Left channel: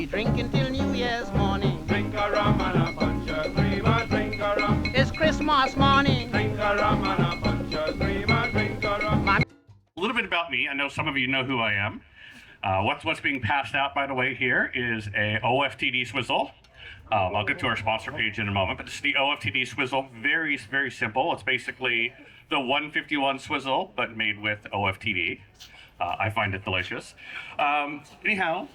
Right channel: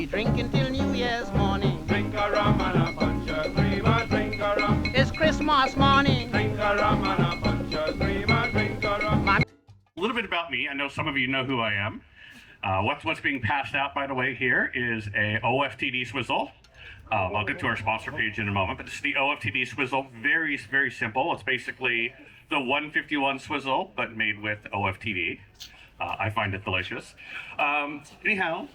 we drinking till New Year's morning. Drink a rum and a punch of cream, drink a rum. It's Christmas morning. Drink a rum and a punch of cream, drink a rum. A little bit about me. I know some of you know who I am. What's being passed out, by the way, here is a OFTD swizzle. I'll get to our sponsor page in a moment, but this is the OFTD swizzle. Very, very simple. It's basically the 151 swizzle, but made with OFTD. I find it delicious. Anyhow,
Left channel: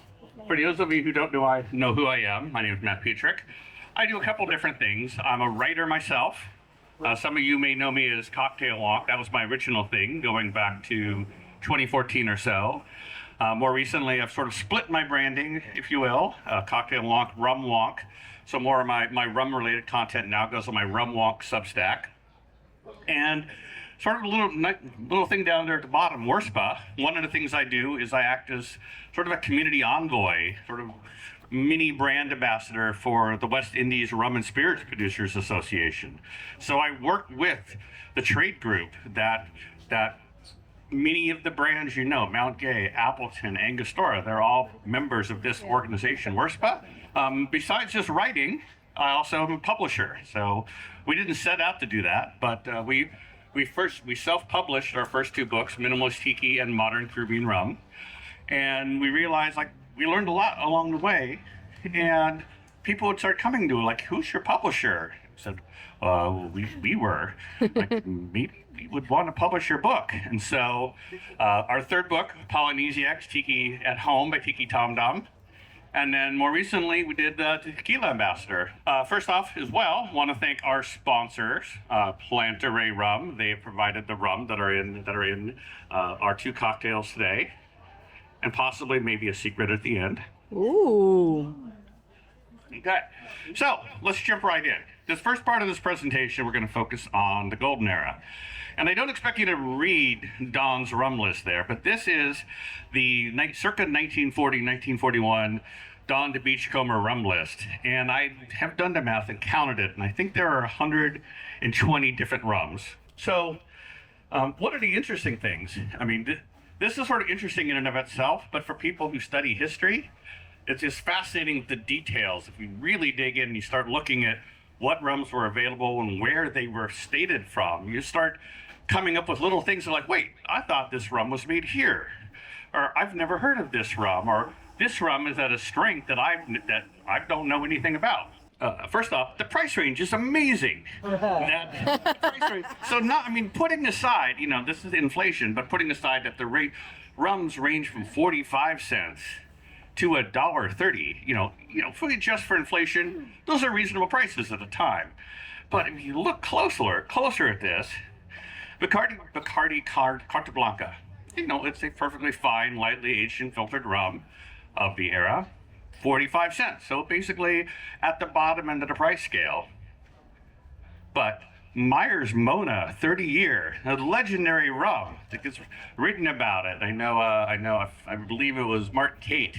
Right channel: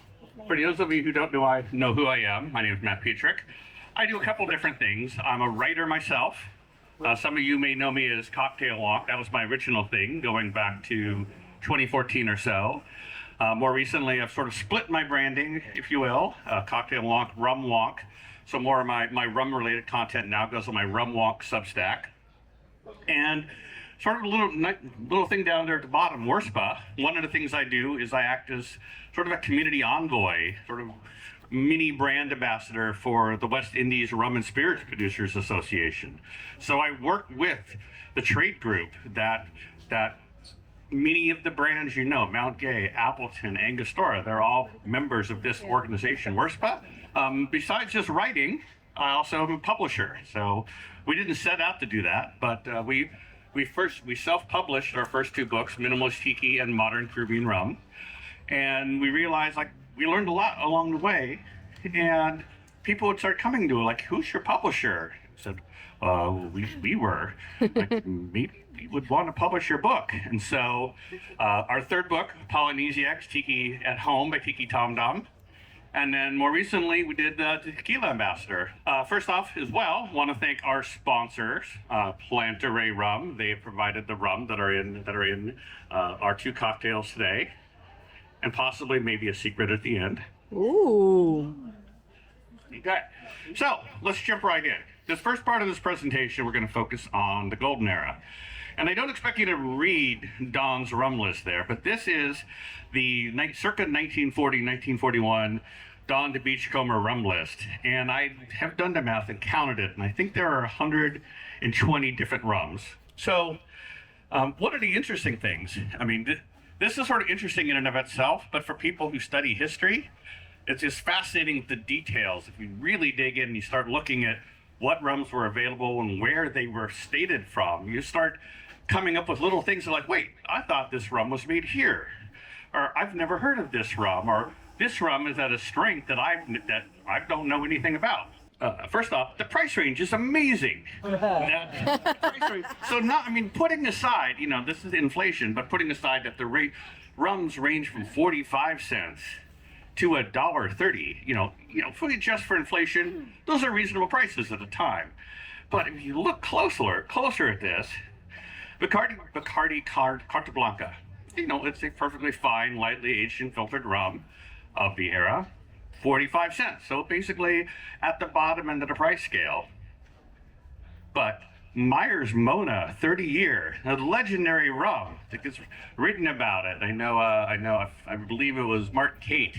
for those of you who don't know who I am, my name is Matt Pietrek. I do a couple different things. I'm a writer myself. Some of you may know me as Cocktail Walk. That was my original thing, going back to 2014 or so. More recently, I've sort of split my branding, if you will, Cocktail Walk, Rum Walk. So more of my rum-related content now goes on my Rum Walk Substack. And sort of a little thing down there at the bottom, WORSPA. One of the things I do is I act as sort of a community envoy, sort of mini brand ambassador for the West Indies Rum and Spirits Producers Association. So I work with the trade group that many of the brands you know, Mount Gay, Appleton, Angostura, they're all members of this organization, WORSPA. Besides just writing, I also am a publisher. So we didn't set out to do that, but we self-published our first two books, Minimalist Tiki and Modern Caribbean Rum. And we realized, we learned a lot along the way, and people would start coming to it, who's your publisher? I said, we were. Maybe we would want to publish your book. And so our third book, Polynesiacs, Tiki at Home by Tiki Tom Dom. And then more recently, we did the Tequila Ambassador. First off, as well, want to thank our sponsors, Plantaray Rum. They provided the rum that are in our two cocktails today, and possibly maybe a secret at the end. Ooh. Okay, so let's jump right in. This first part of this presentation, we're going to focus on the Golden Era. And I don't expect you to read Don's rum list there, but this is the circa 1940, 1941 Don de Beachcomber rum list. And I have done the math and counted it, and I think there are 120 different rums. So what are the interesting things? I mean, this is sort of interesting in and of itself, but for people who study history, it's just fascinating with the details. If we really dig in and you start looking at what rums were available and where they were stated from, you start coming up with little things like, wait, I thought this rum was made here, or I've never heard of this rum, or this rum is at a strength that I don't know anything about. First off, the price range is amazing. Putting aside, this is inflation, but putting aside that the rums range from 45 cents to $1.30, if we adjust for inflation, those are reasonable prices at the time. But if you look closer at this, Bacardi Carta Blanca, it's a perfectly fine, lightly aged and filtered rum of the era, 45 cents. So basically at the bottom end of the price scale. But Myers Mona 30-year, a legendary rum that gets written about it. I believe it was Mark Kate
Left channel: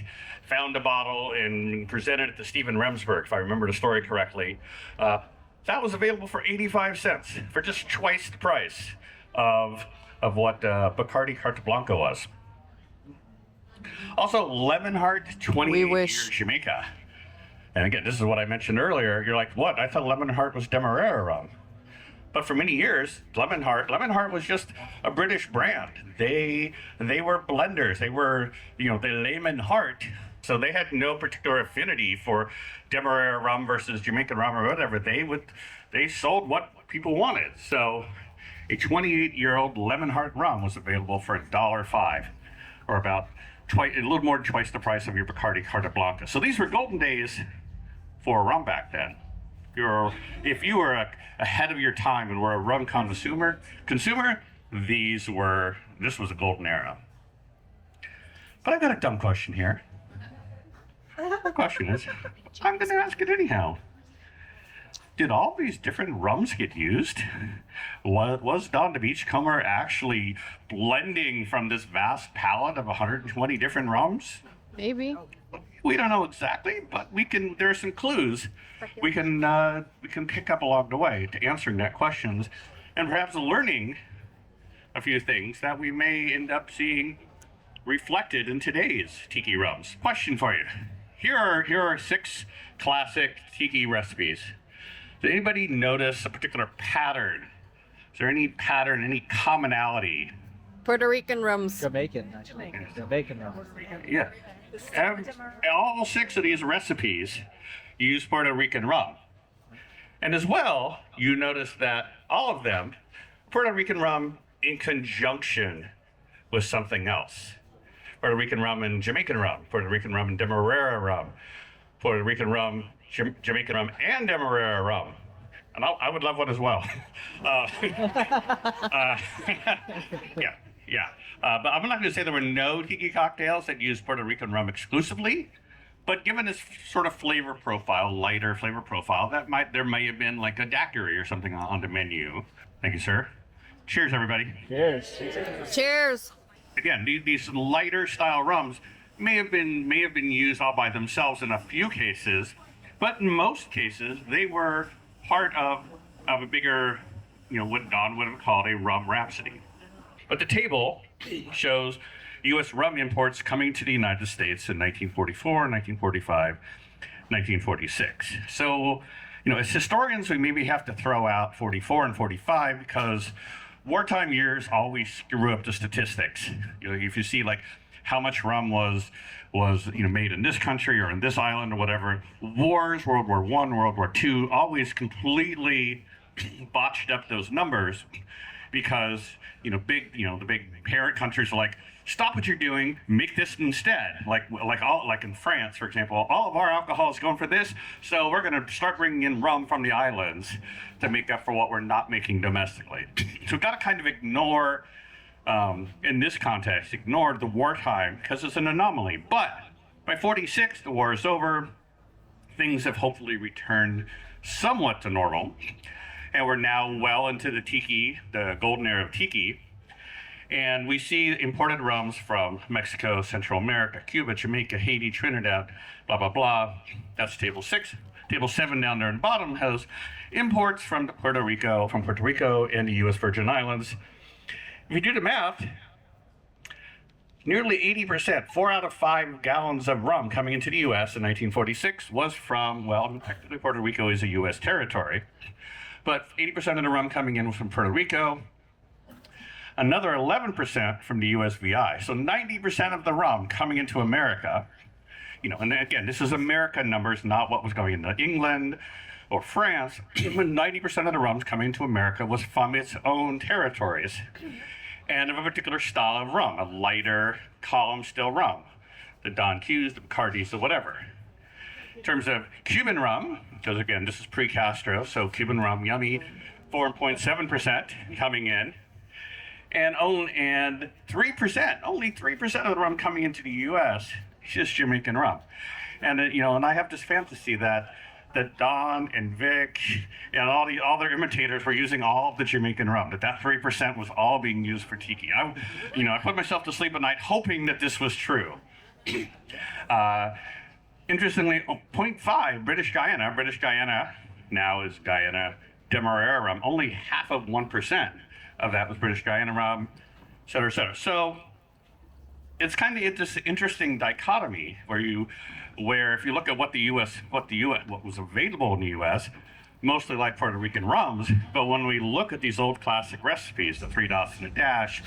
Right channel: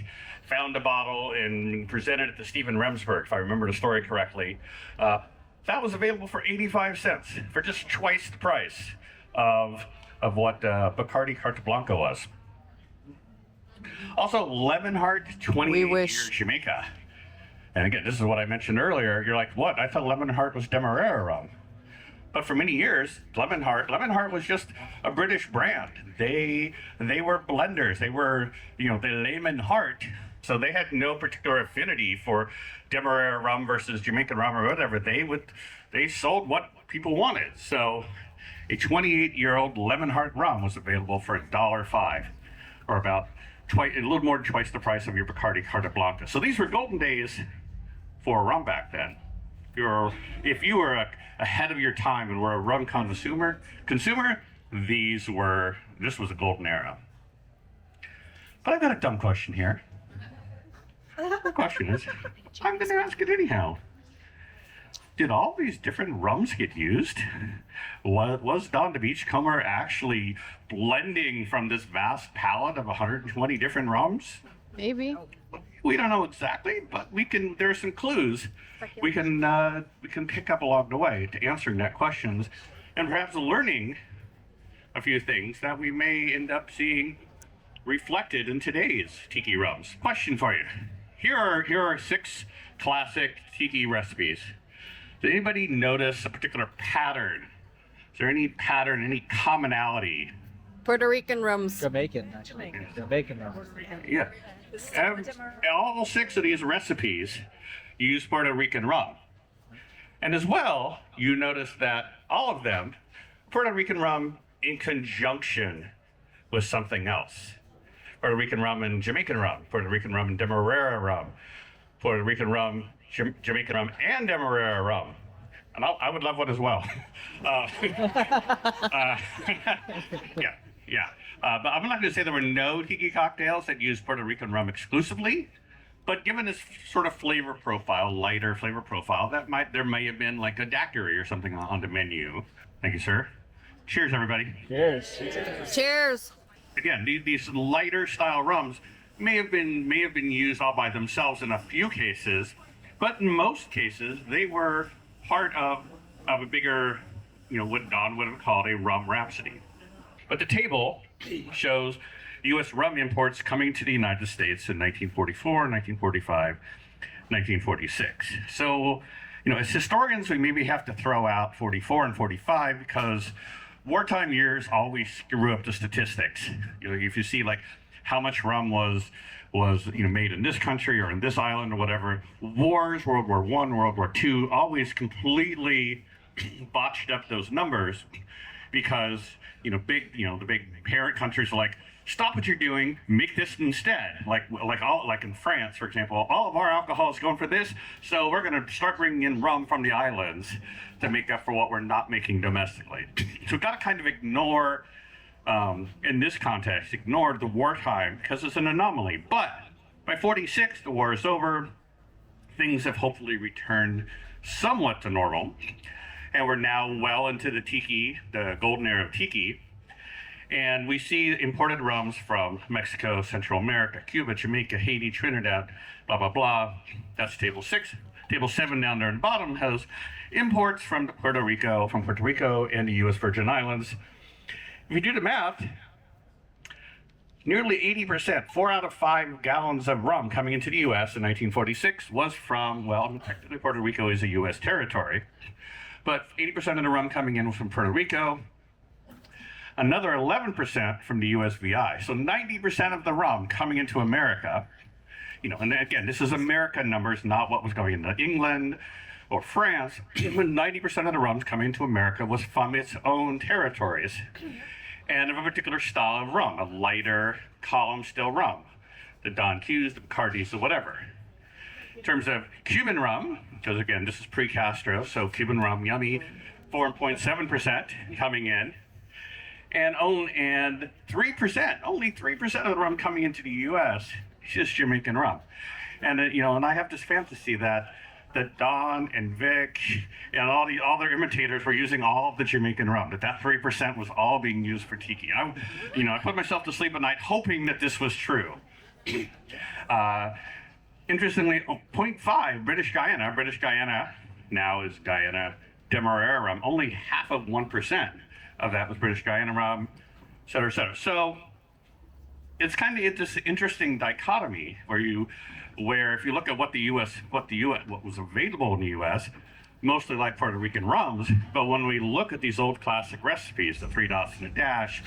found a bottle and presented it to Stephen Remsburg, if I remember the story correctly. That was available for 85 cents, for just twice the price of what Bacardi Carta Blanca was. Also, Lemonheart 28-year Jamaica. And again, this is what I mentioned earlier. You're like, what? I thought Lemonheart was Demerara rum. But for many years, Lemonheart was just a British brand. They were blenders. They were, the layman heart. So they had no particular affinity for Demerara rum versus Jamaican rum or whatever. They sold what people wanted. So a 28-year-old Lemonheart rum was available for $1.05, or about a little more than twice the price of your Bacardi Carta Blanca. So these were golden days for rum back then. If you were ahead of your time and were a rum consumer, this was a golden era. But I got a dumb question here. The question is, I'm going to ask it anyhow. Did all these different rums get used? Was Don de Beachcomber actually blending from this vast palette of 120 different rums? Maybe. We don't know exactly, but there are some clues we can pick up along the way to answering that questions, and perhaps learning a few things that we may end up seeing reflected in today's tiki rums. Question for you. here are 6 classic tiki recipes. Did anybody notice a particular pattern? Is there any pattern, any commonality? Puerto Rican rums. Jamaican, actually. Jamaican rum. Yeah. And all 6 of these recipes use Puerto Rican rum. And as well, you notice that all of them, Puerto Rican rum in conjunction with something else. Puerto Rican rum and Jamaican rum, Puerto Rican rum and Demerara rum, Puerto Rican rum, Jamaican rum, and Demerara rum. And I would love one as well. Yeah. But I'm not going to say there were no tiki cocktails that use Puerto Rican rum exclusively. But given this sort of flavor profile, lighter flavor profile, there may have been like a daiquiri or something on the menu. Thank you, sir. Cheers, everybody. Cheers. Cheers. Again, these lighter style rums may have been used all by themselves in a few cases, but in most cases they were part of a bigger, what Don would have called a rum rhapsody. But the table shows U.S. rum imports coming to the United States in 1944, 1945, 1946. So, as historians, we maybe have to throw out 44 and 45 because wartime years always screw up the statistics. If you see like how much rum was made in this country or in this island or whatever, wars, World War I, World War II, always completely botched up those numbers because the big parent countries are like, stop what you're doing, make this instead. Like in France, for example, all of our alcohol is going for this, so we're going to start bringing in rum from the islands to make up for what we're not making domestically. So we've got to kind of ignore, in this context, ignore the wartime because it's an anomaly. But by 46, the war is over. Things have hopefully returned somewhat to normal, and we're now well into the golden era of tiki. And we see imported rums from Mexico, Central America, Cuba, Jamaica, Haiti, Trinidad, blah, blah, blah. That's table 6. Table 7 down there in the bottom has imports from Puerto Rico and the U.S. Virgin Islands. If you do the math, nearly 80%, 4 out of 5 gallons of rum coming into the U.S. in 1946 was from, technically Puerto Rico is a U.S. territory, but 80% of the rum coming in was from Puerto Rico. Another 11% from the USVI. So 90% of the rum coming into America, and again, this is American numbers, not what was going into England or France. 90% of the rums coming into America was from its own territories and of a particular style of rum, a lighter column still rum, the Don Q's, the Bacardis, or whatever. In terms of Cuban rum, because again, this is pre-Castro, so Cuban rum, yummy, 4.7% coming in. And 3%, only 3% of the rum coming into the U.S. is just Jamaican rum. And and I have this fantasy that Don and Vic and all their imitators were using all of the Jamaican rum. That 3% was all being used for tiki. I put myself to sleep at night hoping that this was true. Interestingly, 0.5 British Guyana now is Guyana Demerara rum. Only half of 1%. Of that was British Guyana rum, et cetera, et cetera. So it's kind of this interesting dichotomy where if you look at what was available in the U.S., mostly like Puerto Rican rums, but when we look at these old classic recipes, the 3 dots and a dash,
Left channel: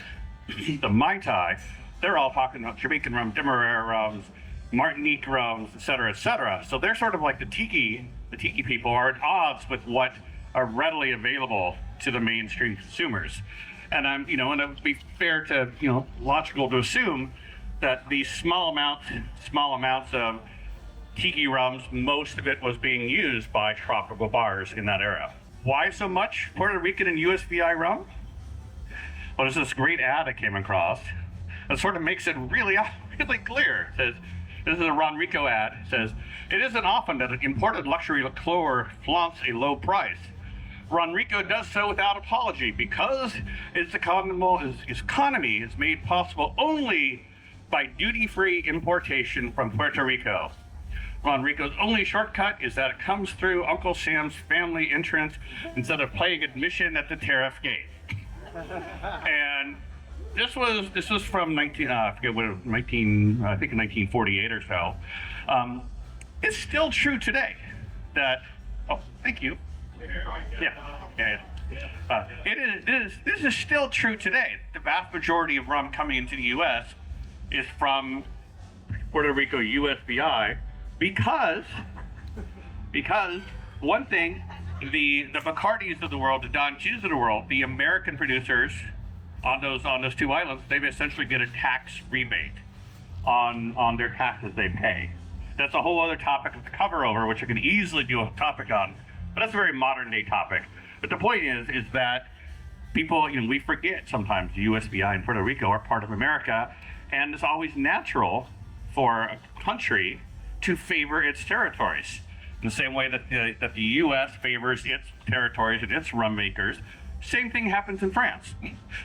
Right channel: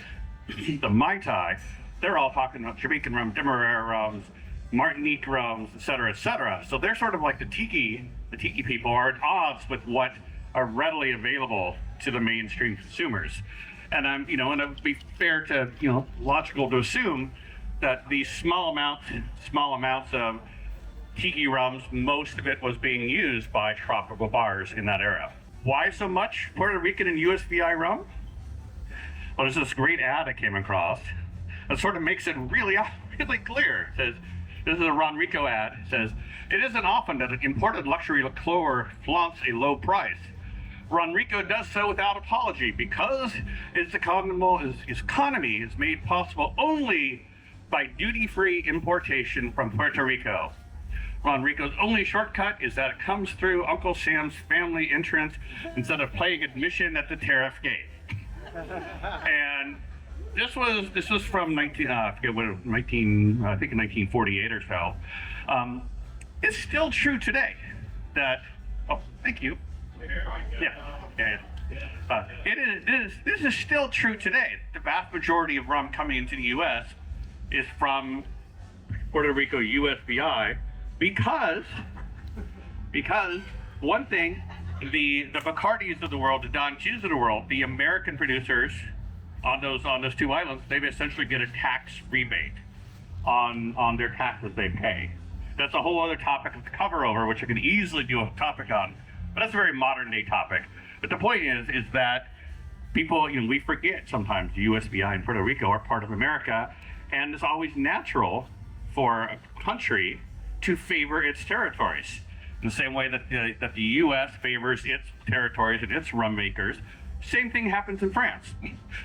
the Mai Tai, they're all talking about Jamaican rum, Demerara rums, Martinique rums, et cetera, et cetera. So they're sort of like the tiki people are at odds with what are readily available to the mainstream consumers. And and it would be fair to, logical to assume that these small amounts of tiki rums, most of it was being used by tropical bars in that era. Why so much Puerto Rican and USVI rum? Well, there's this great ad I came across that sort of makes it really clear. It says, this is a Ron Rico ad. It says, it isn't often that an imported luxury liqueur flaunts a low price. Ron Rico does so without apology because its economy is made possible only by duty-free importation from Puerto Rico. Ron Rico's only shortcut is that it comes through Uncle Sam's family entrance instead of paying admission at the tariff gate. And this was from 1948 or so. it's still true today that, oh, thank you. Yeah. This is still true today. The vast majority of rum coming into the U.S. is from Puerto Rico USVI because one thing, the Bacardis of the world, the Don Q's of the world, the American producers on those two islands, they essentially get a tax rebate on their taxes they pay. That's a whole other topic to cover over, which I could easily do a topic on, but that's a very modern day topic. But the point is that people, we forget sometimes the USVI and Puerto Rico are part of America, and it's always natural for a country to favor its territories. In the same way that the U.S. favors its territories and its rum makers, same thing happens in France.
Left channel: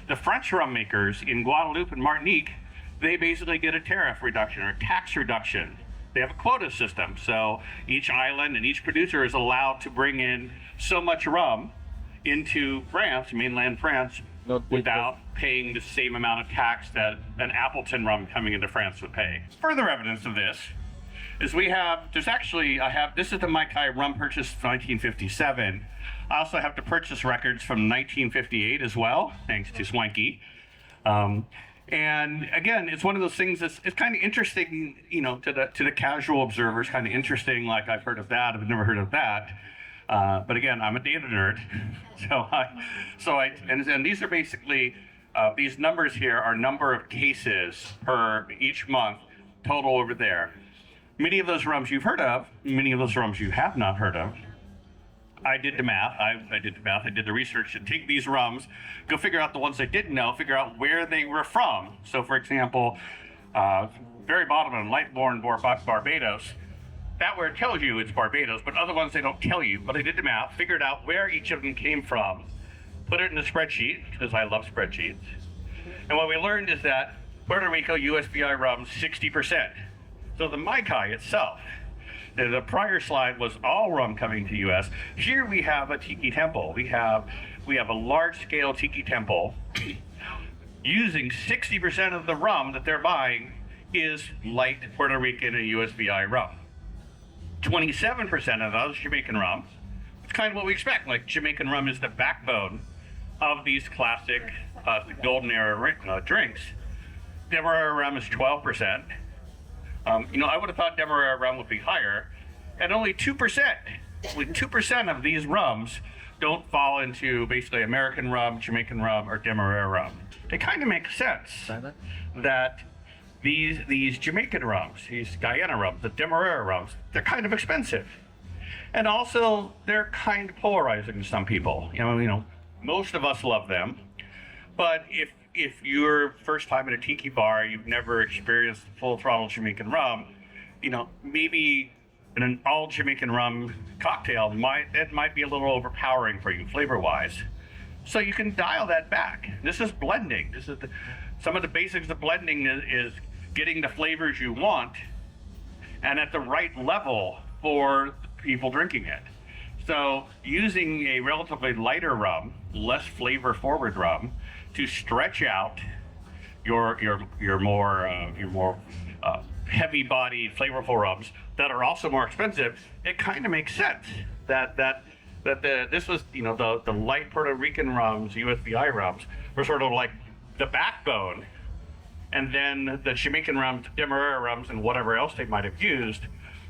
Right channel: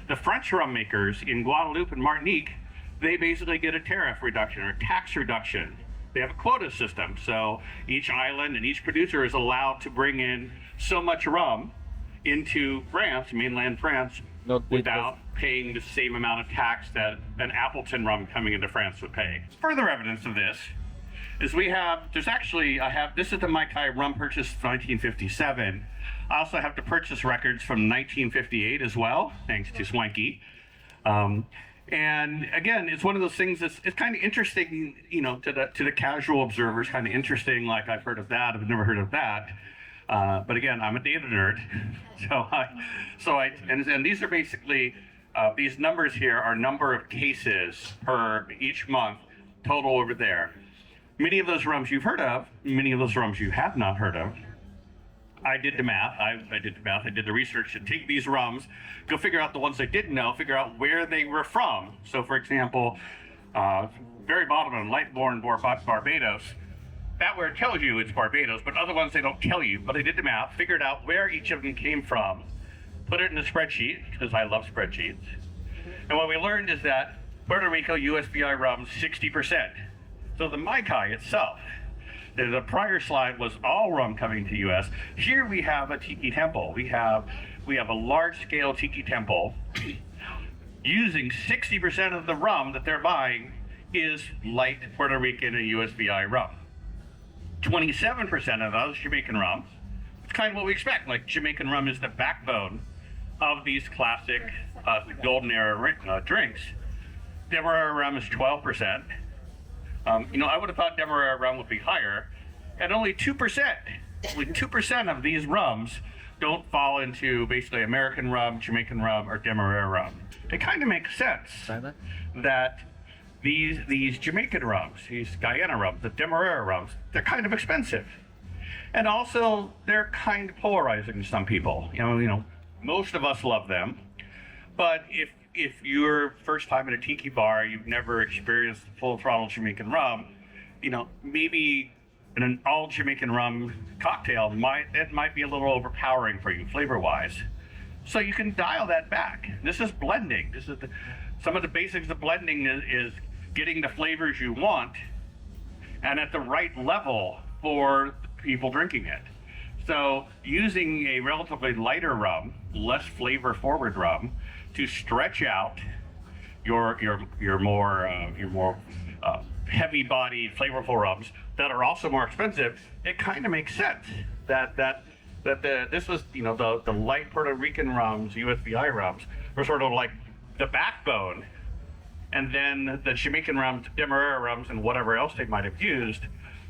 The French rum makers in Guadeloupe and Martinique, they basically get a tariff reduction or tax reduction. They have a quota system, so each island and each producer is allowed to bring in so much rum into France, mainland France, without paying the same amount of tax that an Appleton rum coming into France would pay. Further evidence of this is this is the Mai Tai rum purchase of 1957. I also have the purchase records from 1958 as well, thanks to Swanky. And again, it's one of those things that's it's kind of interesting, to the casual observers, kind of interesting, like I've heard of that, I've never heard of that. But again, I'm a data nerd, and these are basically, these numbers here are number of cases per each month, total over there. Many of those rums you've heard of, many of those rums you have not heard of. I did the math. I did the research to take these rums, go figure out the ones I didn't know, figure out where they were from. So, for example, very bottom in Lightbourne, Barbados, that where it tells you it's Barbados, but other ones they don't tell you. But I did the math, figured out where each of them came from, put it in a spreadsheet, because I love spreadsheets. And what we learned is that Puerto Rico USVI rum, 60%. So the Mai Tai itself, the prior slide was all rum coming to U.S. Here we have a Tiki temple. We have a large-scale Tiki temple using 60% of the rum that they're buying is light Puerto Rican and USVI rum. 27% of those Jamaican rum. It's kind of what we expect. Like Jamaican rum is the backbone of these classic golden era drinks. Demerara rum is 12%. I would have thought Demerara rum would be higher, and only 2%. With 2% of these rums don't fall into basically American rum, Jamaican rum, or Demerara rum. It kind of makes sense that these Jamaican rums, these Guyana rums, the Demerara rums, they're kind of expensive, and also they're kind of polarizing to some people. Most of us love them, but if you're first time at a tiki bar, you've never experienced full throttle Jamaican rum, maybe an all Jamaican rum cocktail might be a little overpowering for you flavor wise. So you can dial that back. This is blending. Some of the basics of blending is getting the flavors you want and at the right level for people drinking it. So using a relatively lighter rum, less flavor forward rum, to stretch out your more heavy-bodied, flavorful rums that are also more expensive, it kind of makes sense that this was the light Puerto Rican rums, USVI rums, were sort of like the backbone, and then the Jamaican rums, Demerara rums, and whatever else they might have used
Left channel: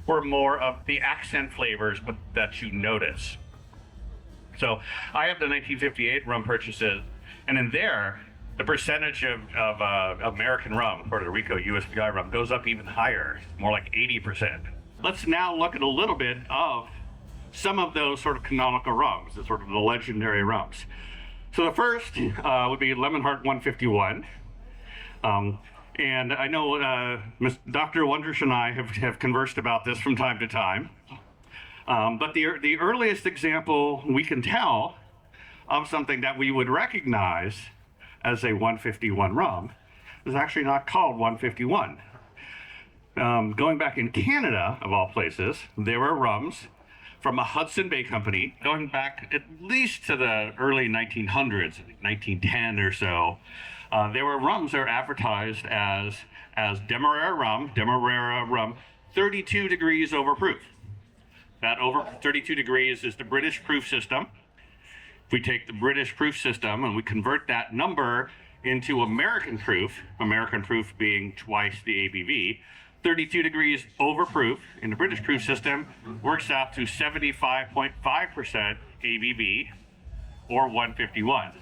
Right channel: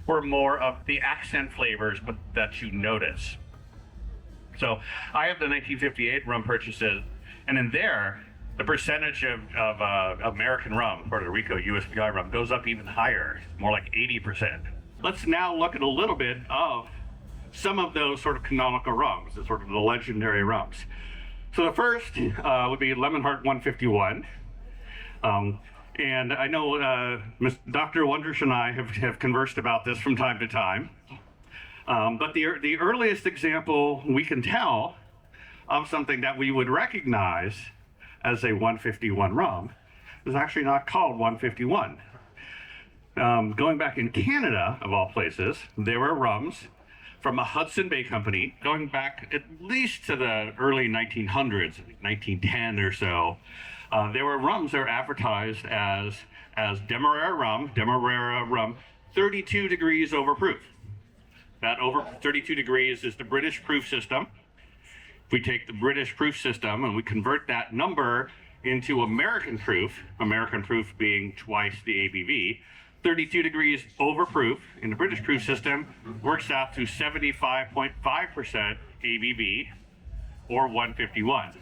were more of the accent flavors, but that you notice. So I have the 1958 rum purchases. And in there, the percentage of American rum, Puerto Rico USVI rum, goes up even higher, more like 80%. Let's now look at a little bit of some of those sort of canonical rums, the sort of the legendary rums. So the first would be Lemon Heart 151. And I know Dr. Wondrous and I have conversed about this from time to time. But the earliest example we can tell of something that we would recognize as a 151 rum is actually not called 151. Going back in Canada, of all places, there were rums from a Hudson Bay company going back at least to the early 1900s, 1910 or so. There were rums that were advertised as Demerara rum 32 degrees overproof. That over 32 degrees is the British proof system. If we take the British proof system and we convert that number into American proof being twice the ABV, 32 degrees overproof in the British proof system works out to 75.5% ABV or 151.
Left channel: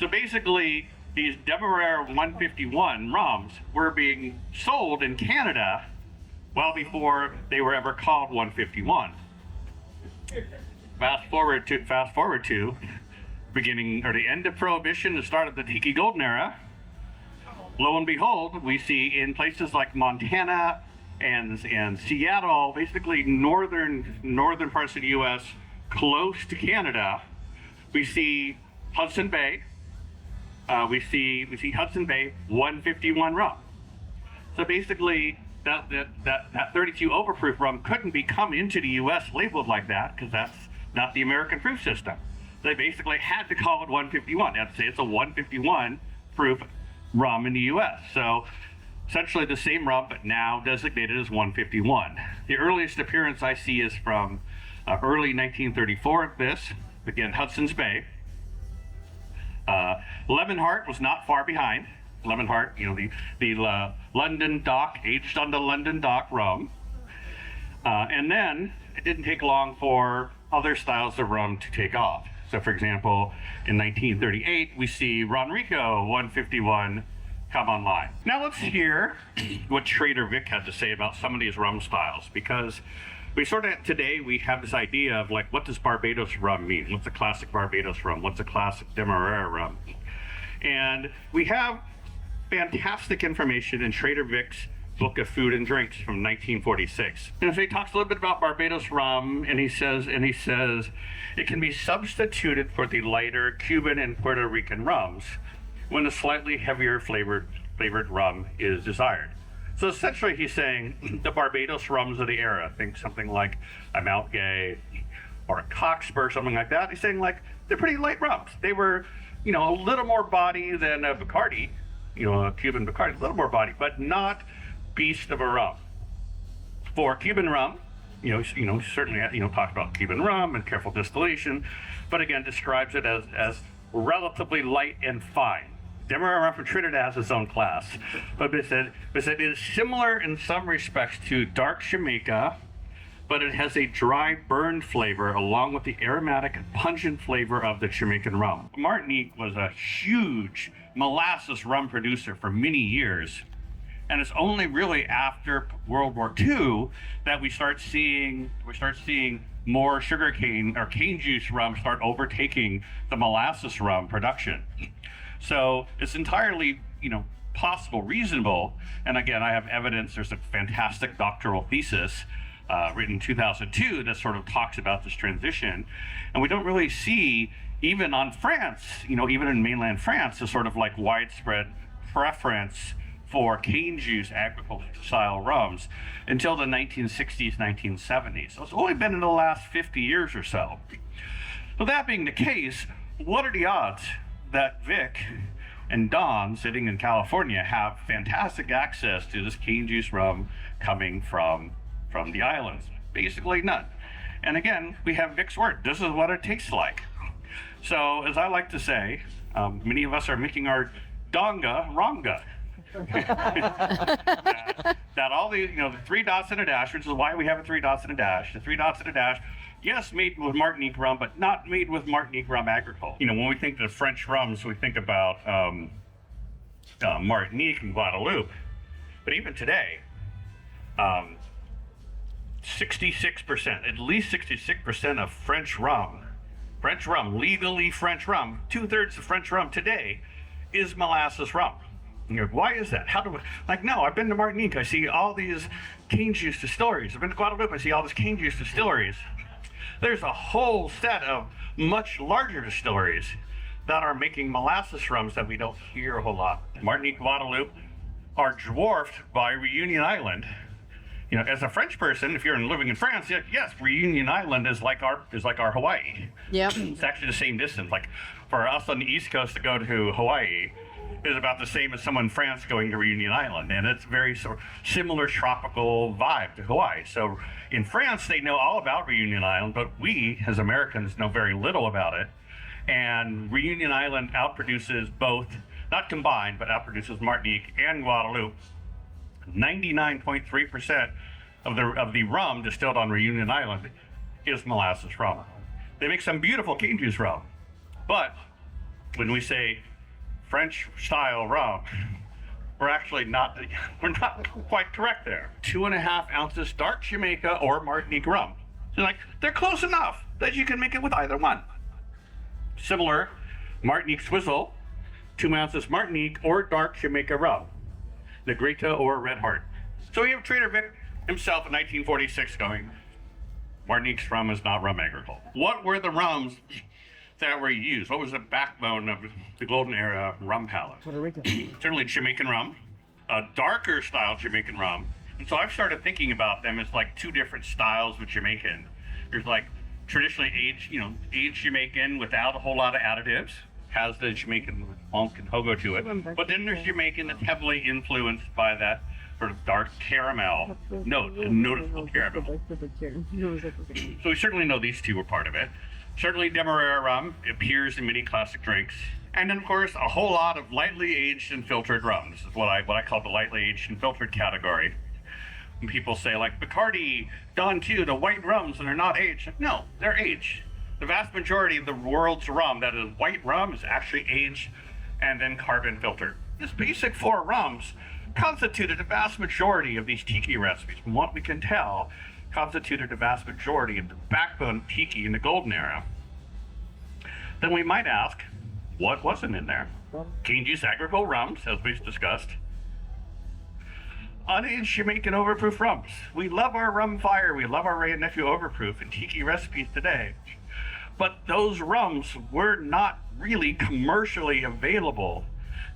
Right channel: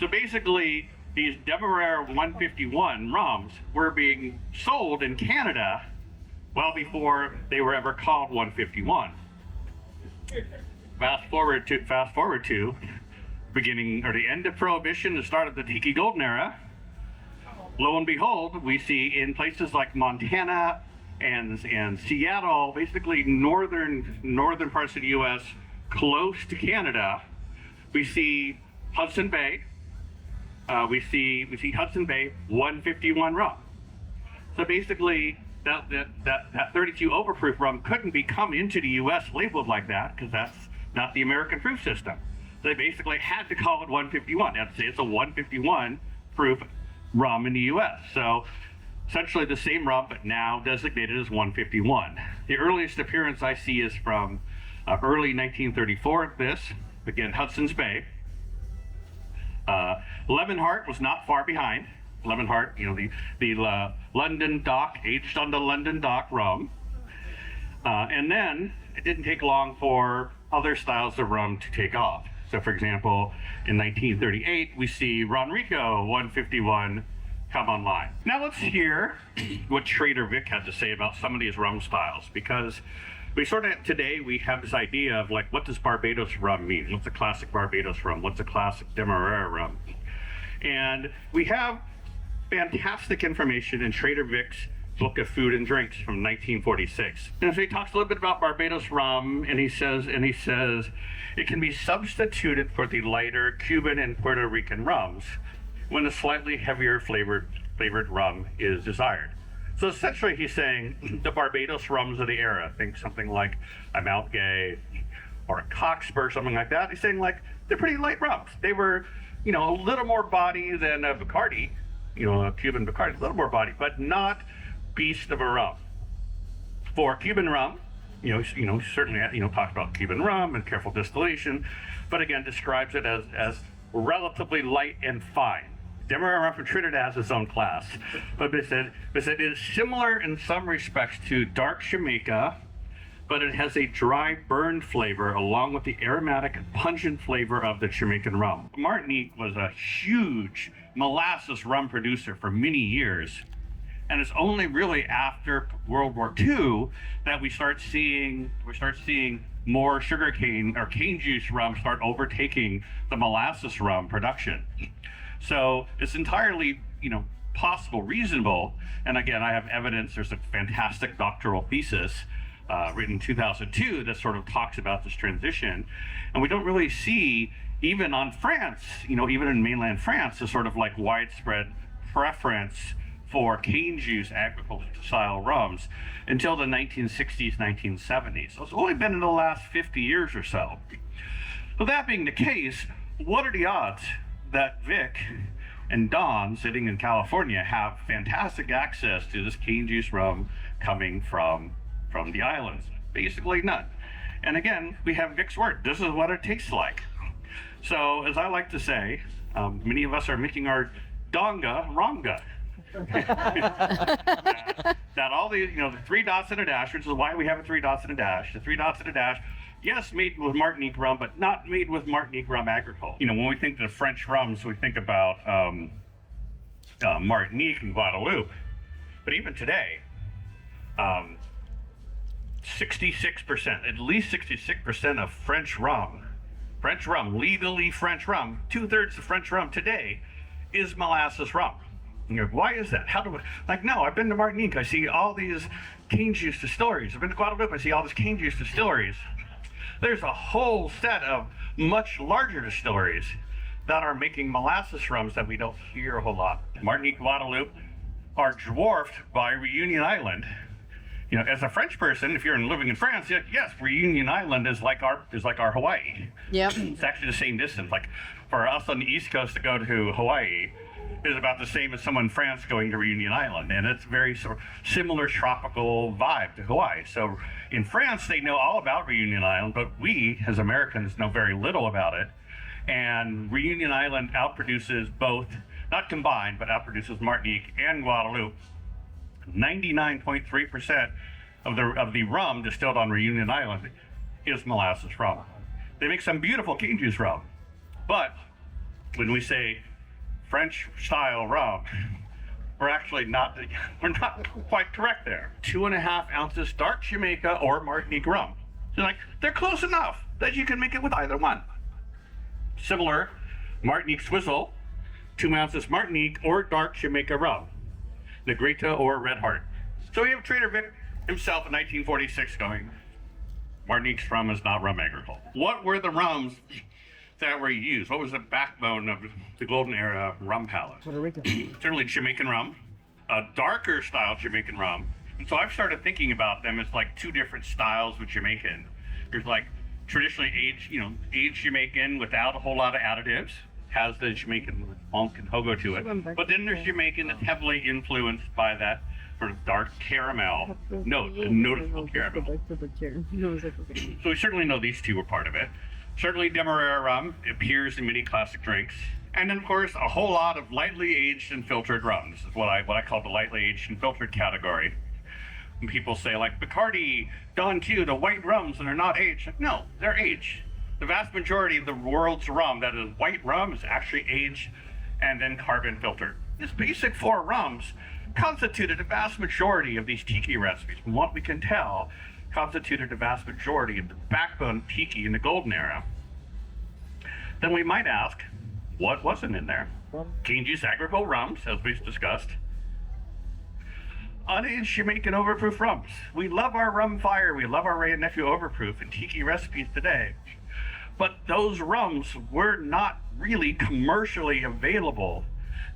So basically, these Demerara 151 rums were being sold in Canada well before they were ever called 151. Fast forward to beginning or the end of Prohibition, the start of the Tiki Golden Era. Lo and behold, we see in places like Montana and Seattle, basically northern parts of the U.S. close to Canada, we see Hudson Bay. We see Hudson Bay 151 rum. So basically, that 32 overproof rum couldn't be come into the U.S. labeled like that because that's not the American proof system. They basically had to call it 151. They had to say it's a 151 proof rum in the U.S. So essentially the same rum, but now designated as 151. The earliest appearance I see is from early 1934 at this, again, Hudson's Bay. Lemonheart was not far behind. Lemonheart, the London Dock, aged on the London Dock rum. And then it didn't take long for other styles of rum to take off. So for example, in 1938, we see Ronrico 151 come online. Now let's hear what Trader Vic had to say about some of these rum styles, because today we have this idea of like, what does Barbados rum mean? What's a classic Barbados rum? What's a classic Demerara rum? And we have fantastic information in Trader Vic's Book of Food and Drinks from 1946. And so he talks a little bit about Barbados rum, and he says it can be substituted for the lighter Cuban and Puerto Rican rums when a slightly heavier flavored rum is desired. So essentially he's saying the Barbados rums of the era, think something like a Mount Gay or a Cockspur, something like that. He's saying like they're pretty light rums. They were, a little more body than a Bacardi, a Cuban Bacardi, a little more body, but not beast of a rum. For Cuban rum, certainly, talks about Cuban rum and careful distillation, but again, describes it as relatively light and fine. Demerara rum from Trinidad has its own class, but it said it is similar in some respects to dark Jamaica, but it has a dry, burned flavor along with the aromatic and pungent flavor of the Jamaican rum. Martinique was a huge molasses rum producer for many years. And it's only really after World War II that we start seeing more sugarcane or cane juice rum start overtaking the molasses rum production. So it's entirely, possible, reasonable. And again, I have evidence. There's a fantastic doctoral thesis written in 2002 that sort of talks about this transition. And we don't really see, even on France, even in mainland France, a sort of like widespread preference for cane juice agricultural style rums until the 1960s, 1970s. So it's only been in the last 50 years or so. With that being the case, what are the odds that Vic and Don, sitting in California, have fantastic access to this cane juice rum coming from the islands? Basically none. And again, we have Vic's word. This is what it tastes like. So as I like to say, many of us are making our donga ronga. that all the the 3 dots and a dash, which is why we have a 3 dots and a dash. The 3 dots and a dash, yes, made with Martinique rum, but not made with Martinique rum agricole. When we think of French rums, we think about Martinique and Guadeloupe. But even today, 66%, at least 66% of French rum, legally French rum, 2/3 of French rum today is molasses rum. Why is that? No, I've been to Martinique, I see all these cane juice distilleries. I've been to Guadeloupe, I see all these cane juice distilleries. There's a whole set of much larger distilleries that are making molasses rums that we don't hear a whole lot. Martinique, Guadeloupe are dwarfed by Reunion Island. As a French person, if you're living in France, yes, Reunion Island is like our Hawaii. Yep. It's actually the same distance. Like for us on the East Coast to go to Hawaii, is about the same as someone in France going to Reunion Island, and it's very sort of similar tropical vibe to Hawaii. So in France, they know all about Reunion Island, but we, as Americans, know very little about it. And Reunion Island outproduces both, not combined, but outproduces Martinique and Guadeloupe. 99.3% of the rum distilled on Reunion Island is molasses rum. They make some beautiful cane juice rum, but when we say French style rum, we're not quite correct there. 2.5 ounces dark Jamaica or Martinique rum. So they're close enough that you can make it with either one. Similar, Martinique Swizzle, 2 ounces Martinique or dark Jamaica rum, Negrita or Red Heart. So we have Trader Vic himself in 1946 going, Martinique's rum is not rum agriculture. What were the rums that were used? What was the backbone of the golden era rum palette? Puerto Rican. Certainly Jamaican rum, a darker style Jamaican rum. And so I've started thinking about them as like two different styles of Jamaican. There's like traditionally aged Jamaican without a whole lot of additives, has the Jamaican funk and hogo to it. But then there's Jamaican that's heavily influenced by that sort of dark caramel note, a noticeable caramel. So we certainly know these two were part of it. Certainly Demerara rum appears in many classic drinks. And then of course a whole lot of lightly aged and filtered rums is what I call the lightly aged and filtered category. When people say like Bacardi, Don Q, the white rums that are not aged. No, they're aged. The vast majority of the world's rum that is white rum is actually aged and then carbon filtered. This basic 4 rums constituted a vast majority of these Tiki recipes. From what we can tell, constituted a vast majority of the backbone of Tiki in the golden era. Then we might ask, what wasn't in there? Cane juice agricole rums, as we've discussed. Unaged Jamaican overproof rums. We love our rum fire, we love our Ray and Nephew overproof and Tiki recipes today. But those rums were not really commercially available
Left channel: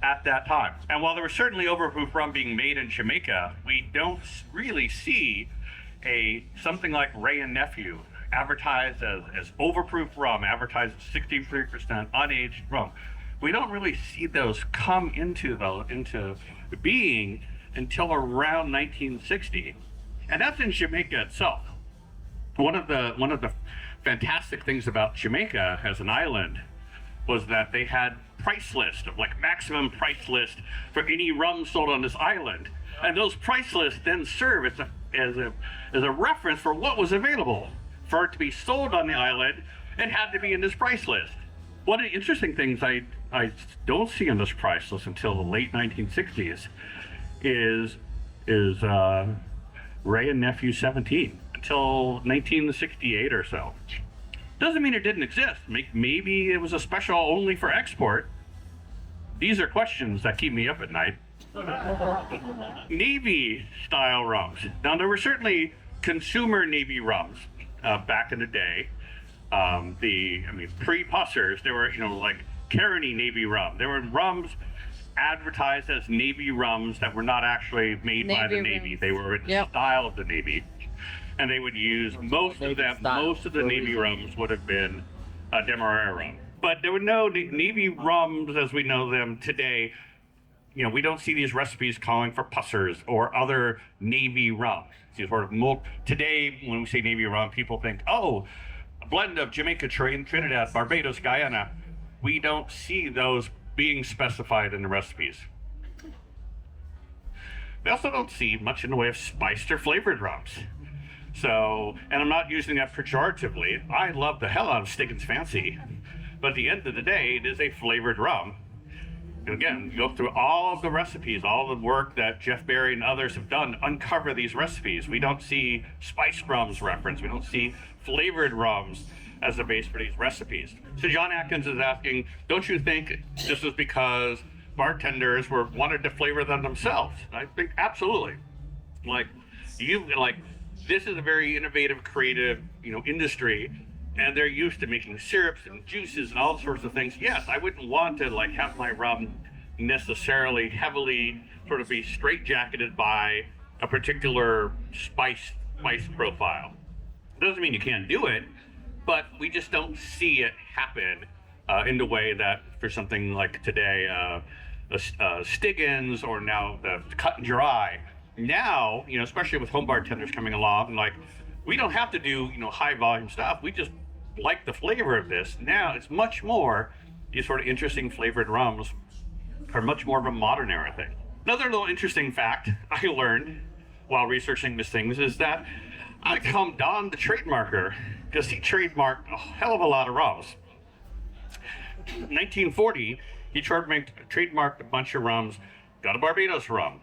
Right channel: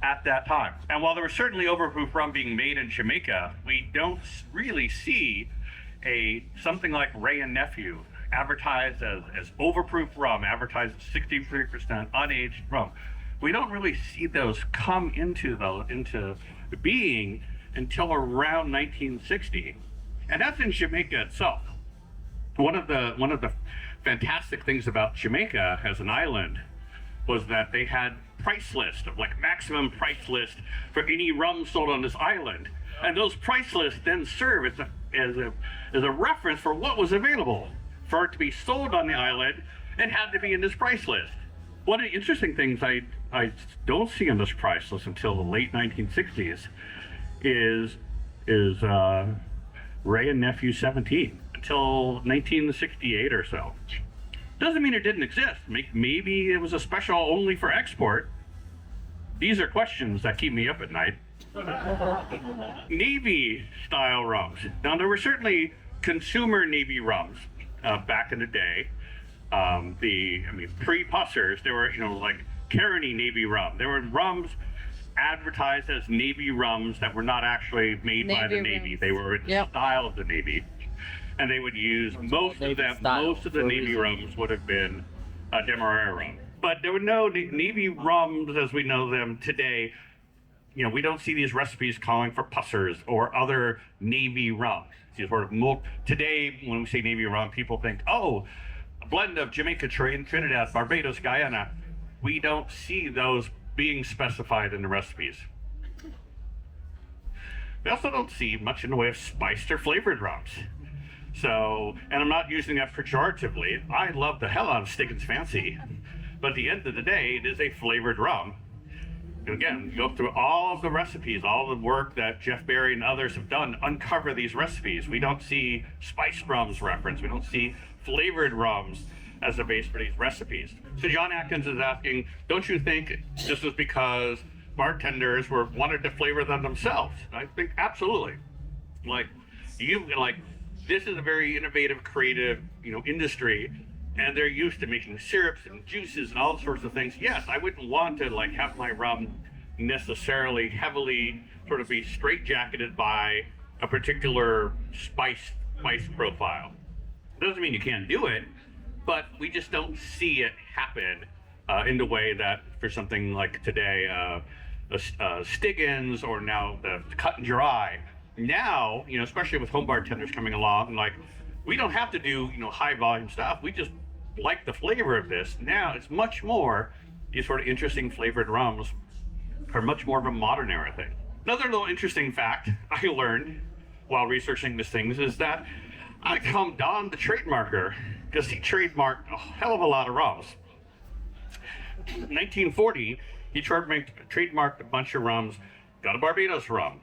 at that time. And while there was certainly overproof rum being made in Jamaica, we don't really see something like Ray and Nephew advertised as overproof rum, advertised as 63% unaged rum. We don't really see those come into being until around 1960, and that's in Jamaica itself. One of the fantastic things about Jamaica as an island was that they had price list of like maximum price list for any rum sold on this island, and those price lists then serve as a reference for what was available for it to be sold on the island and had to be in this price list. One of the interesting things I don't see in this price list until the late 1960s is Ray and Nephew 17 until 1968 or so. Doesn't mean it didn't exist. Maybe it was a special only for export. These are questions that keep me up at night. Navy style rums. Now there were certainly consumer Navy rums back in the day. Pre-Pussers, there were like Caroni Navy rum. There were rums advertised as Navy rums that were not actually made by the Navy. Rums. They were in the style of the Navy, and they would use most of the Navy rums would have been Demerara rum. But there were no Navy rums as we know them today. We don't see these recipes calling for Pussers or other Navy rums. Today, when we say Navy rum, people think, oh, a blend of Jamaica, Trinidad, Barbados, Guyana. We don't see those being specified in the recipes. We also don't see much in the way of spiced or flavored rums. So, and I'm not using that pejoratively. I love the hell out of Stiggin's Fancy, but at the end of the day, it is a flavored rum. Again, go through all of the recipes, all the work that Jeff Berry and others have done to uncover these recipes. We don't see spiced rums referenced. We don't see flavored rums as a base for these recipes. So John Atkins is asking, don't you think this was because bartenders wanted to flavor them themselves? I think absolutely. This is a very innovative, creative, industry, and they're used to making syrups and juices and all sorts of things. Yes, I wouldn't want to have my rum necessarily heavily sort of be straitjacketed by a particular spice profile. Doesn't mean you can't do it, but we just don't see it happen in the way that for something like today, Stiggins or now the cut and dry. Now, especially with home bartenders coming along, like we don't have to do, high volume stuff. We just like the flavor of this. Now it's much more these sort of interesting flavored rums are much more of a modern era thing. Another little interesting fact I learned while researching these things is that I call Don the trademarker because he trademarked a hell of a lot of rums. In 1940, he trademarked a bunch of rums. Got a Barbados rum,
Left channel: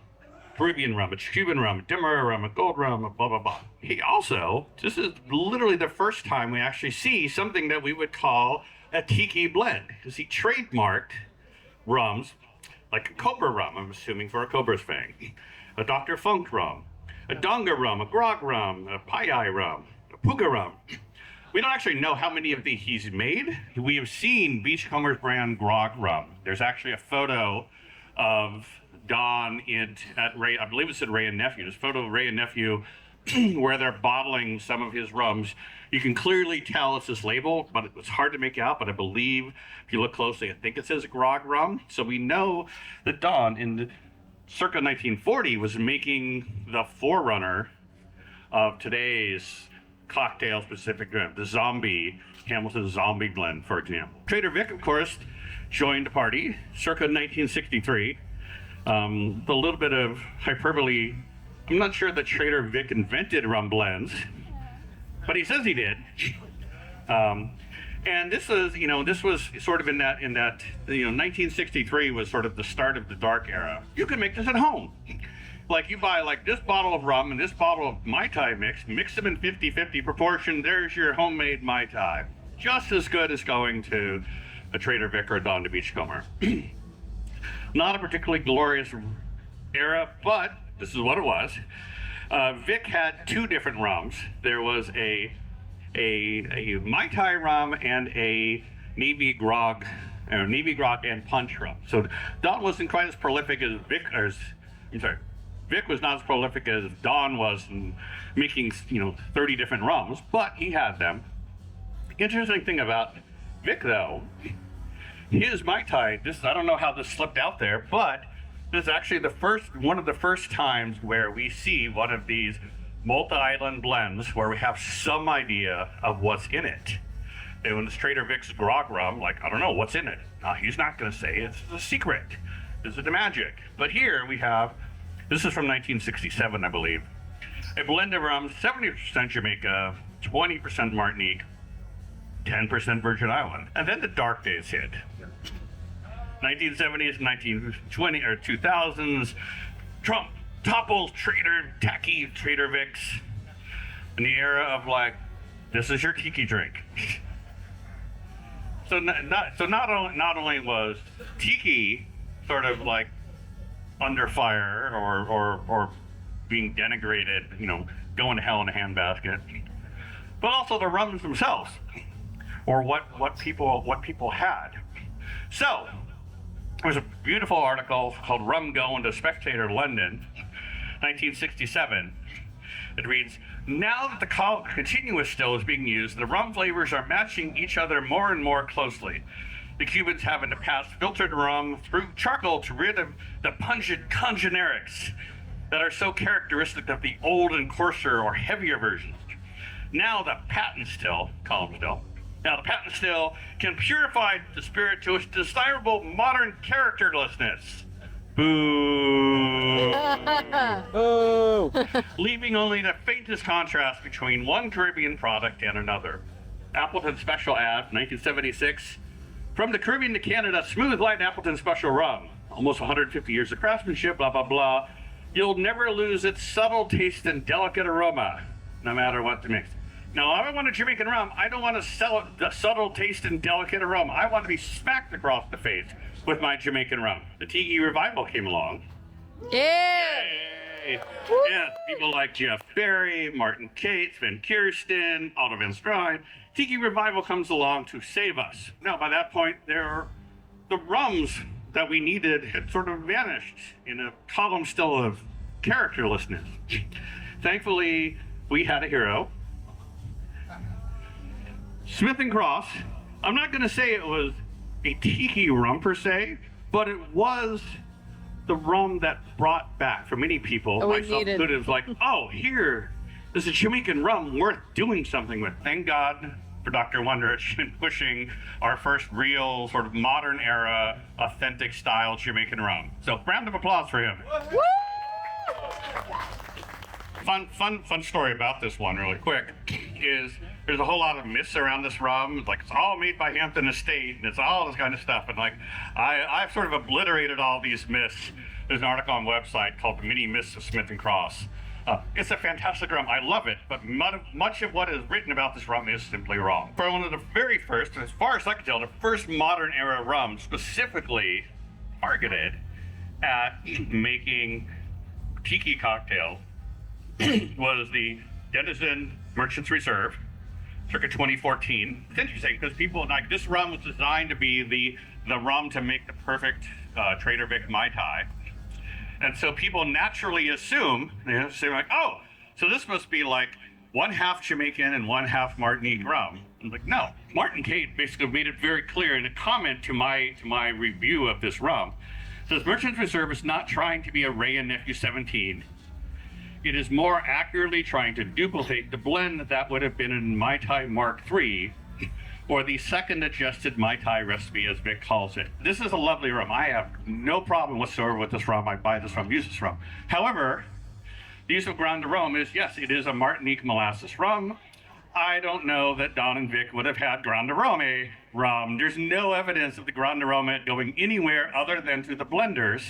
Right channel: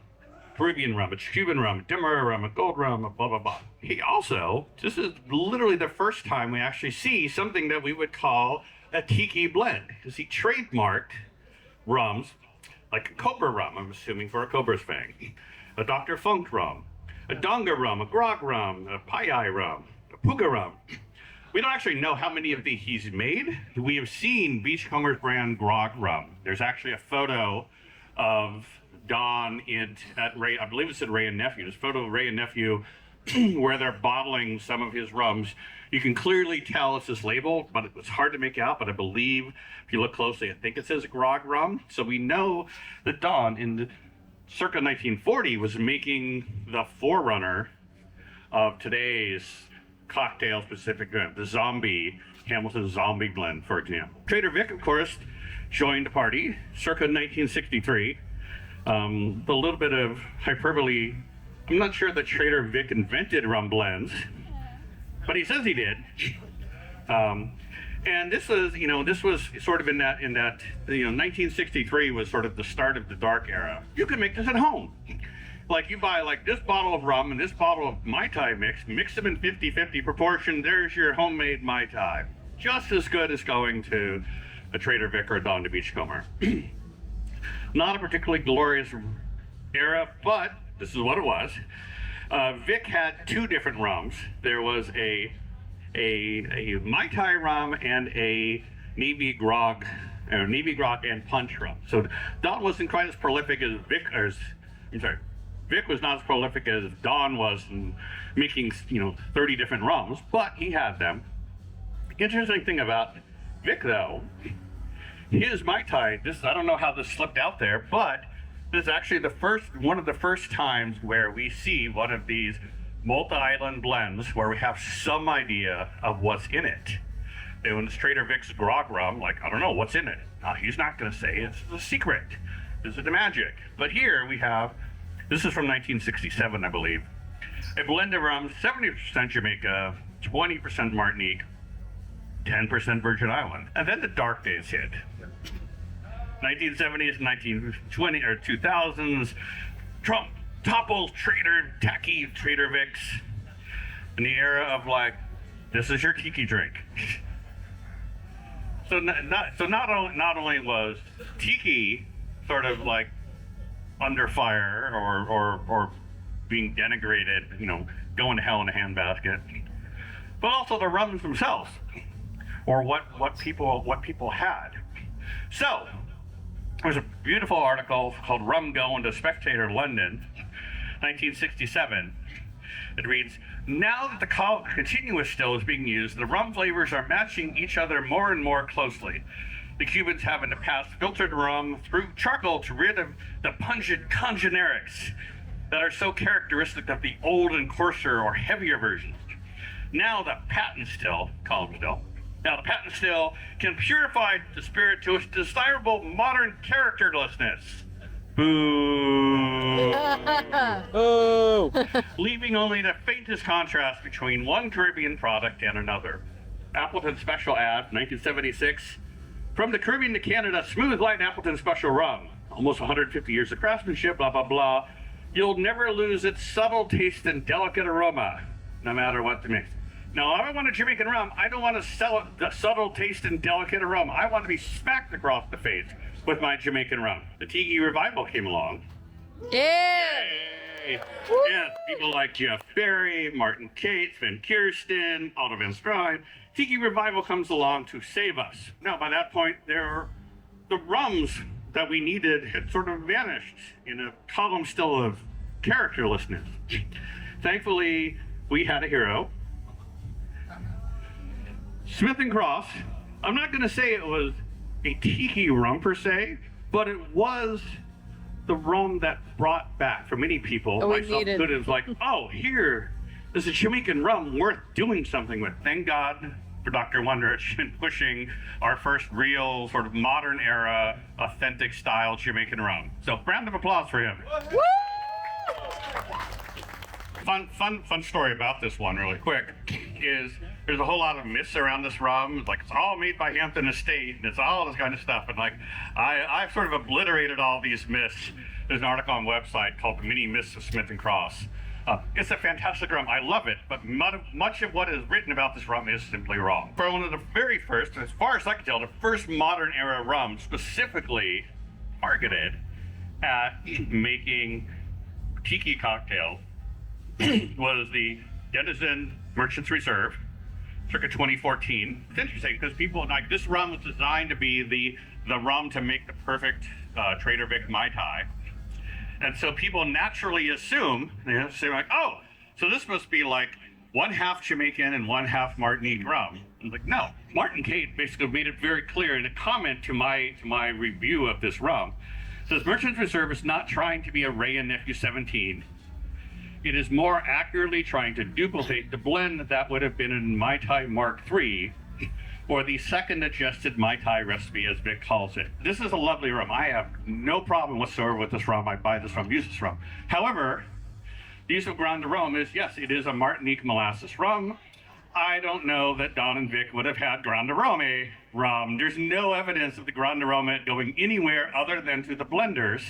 Caribbean rum, a Cuban rum, a Demerara rum, a gold rum, a blah, blah, blah. He also, this is literally the first time we actually see something that we would call a Tiki blend, because he trademarked rums like a Cobra rum, I'm assuming for a Cobra's fang, a Dr. Funk rum, a Donga rum, a Grog rum, a Pai rum, a Puga rum. We don't actually know how many of these he's made. We have seen Beachcomber's brand Grog rum. There's actually a photo of Don at Ray, I believe it said Ray and Nephew. There's a photo of Ray and Nephew where they're bottling some of his rums. You can clearly tell it's his label, but it's hard to make out. But I believe if you look closely, I think it says Grog rum. So we know that Don in the circa 1940 was making the forerunner of today's cocktail specific blend, the Hamilton Zombie blend, for example. Trader Vic, of course, joined the party circa 1963. A little bit of hyperbole. I'm not sure that Trader Vic invented rum blends, but he says he did. And this was sort of in that 1963 was sort of the start of the dark era. You can make this at home. Like you buy like this bottle of rum and this bottle of Mai Tai mix them in 50-50 proportion. There's your homemade Mai Tai. Just as good as going to a Trader Vic or a Don the Beachcomber. Not a particularly glorious era, but this is what it was. Vic had two different rums. There was a Mai Tai rum and a Navy Grog and Punch rum. So Don wasn't quite as prolific as Vic was not as prolific as Don was in making 30 different rums, but he had them. Interesting thing about Vic though, his Mai Tai, I don't know how this slipped out there, but this is actually one of the first times where we see one of these multi-island blends where we have some idea of what's in it. And when it's Trader Vic's Grog rum, like, I don't know what's in it. He's not going to say it's the secret. This is the magic. But here we have, this is from 1967, I believe, a blend of rum, 70% Jamaica, 20% Martinique, 10% Virgin Island. And then the dark days hit. 1970s, 1920 or 2000s, Trump topples tacky Trader Vic's in the era of like, this is your Tiki drink. So not only was Tiki sort of like under fire or being denigrated, going to hell in a handbasket, but also the rums themselves, or what people had. So there's a beautiful article called "Rum Going to Spectator London," 1967. It reads, "Now that the continuous still is being used, the rum flavors are matching each other more and more closely. The Cubans have in the past filtered rum through charcoal to rid of the pungent congenerics that are so characteristic of the old and coarser or heavier versions. Now the patent still can purify the spirit to its desirable modern characterlessness. Boo. Ooh. Leaving only the faintest contrast between one Caribbean product and another. Appleton Special ad, 1976. From the Caribbean to Canada, smooth light Appleton Special rum. Almost 150 years of craftsmanship, blah, blah, blah. You'll never lose its subtle taste and delicate aroma, no matter what the mix. No, I don't want a Jamaican rum. I don't want a subtle taste and delicate aroma. I want to be smacked across the face with my Jamaican rum. The Tiki revival came along. Yeah. Yay. Yeah, people like Jeff Berry, Martin Cates, Van Kirsten, Otto Van Strine. Tiki revival comes along to save us. Now, by that point, the rums that we needed had sort of vanished in a column still of characterlessness. Thankfully, we had a hero. Smith & Cross. I'm not going to say it was a Tiki rum per se, but it was the rum that brought back for many people. Oh, we myself needed. included, it was like, oh, here, there's a Jamaican rum worth doing something with. Thank God for Dr. Wondrich in pushing our first real sort of modern era, authentic style Jamaican rum. So round of applause for him. Woo! Fun story about this one really quick is there's a whole lot of myths around this rum. It's like it's all made by Hampton Estate and it's all this kind of stuff. And like I've sort of obliterated all these myths. There's an article on the website called The Many Myths of Smith and Cross. It's a fantastic rum. I love it, but much of what is written about this rum is simply wrong. For one of the very first, as far as I can tell, the first modern era rum specifically targeted at making Tiki cocktail was the Denizen Merchant's Reserve, circa 2014. It's interesting because people like this rum was designed to be the rum to make the perfect Trader Vic Mai Tai. And so people naturally assume, they say like, oh, so this must be like 1/2 Jamaican and 1/2 Martinique rum. I'm like, no. Martin Kate basically made it very clear in a comment to my review of this rum. Says Merchant's Reserve is not trying to be a Ray and Nephew 17. It is more accurately trying to duplicate the blend that would have been in Mai Tai Mark III, or the second adjusted Mai Tai recipe, as Vic calls it. This is a lovely rum. I have no problem whatsoever with this rum. I buy this rum, use this rum. However, the use of Grand Rome is, yes, it is a Martinique molasses rum. I don't know that Don and Vic would have had Grand Rome rum. There's no evidence of the Grand Rome going anywhere other than to the blenders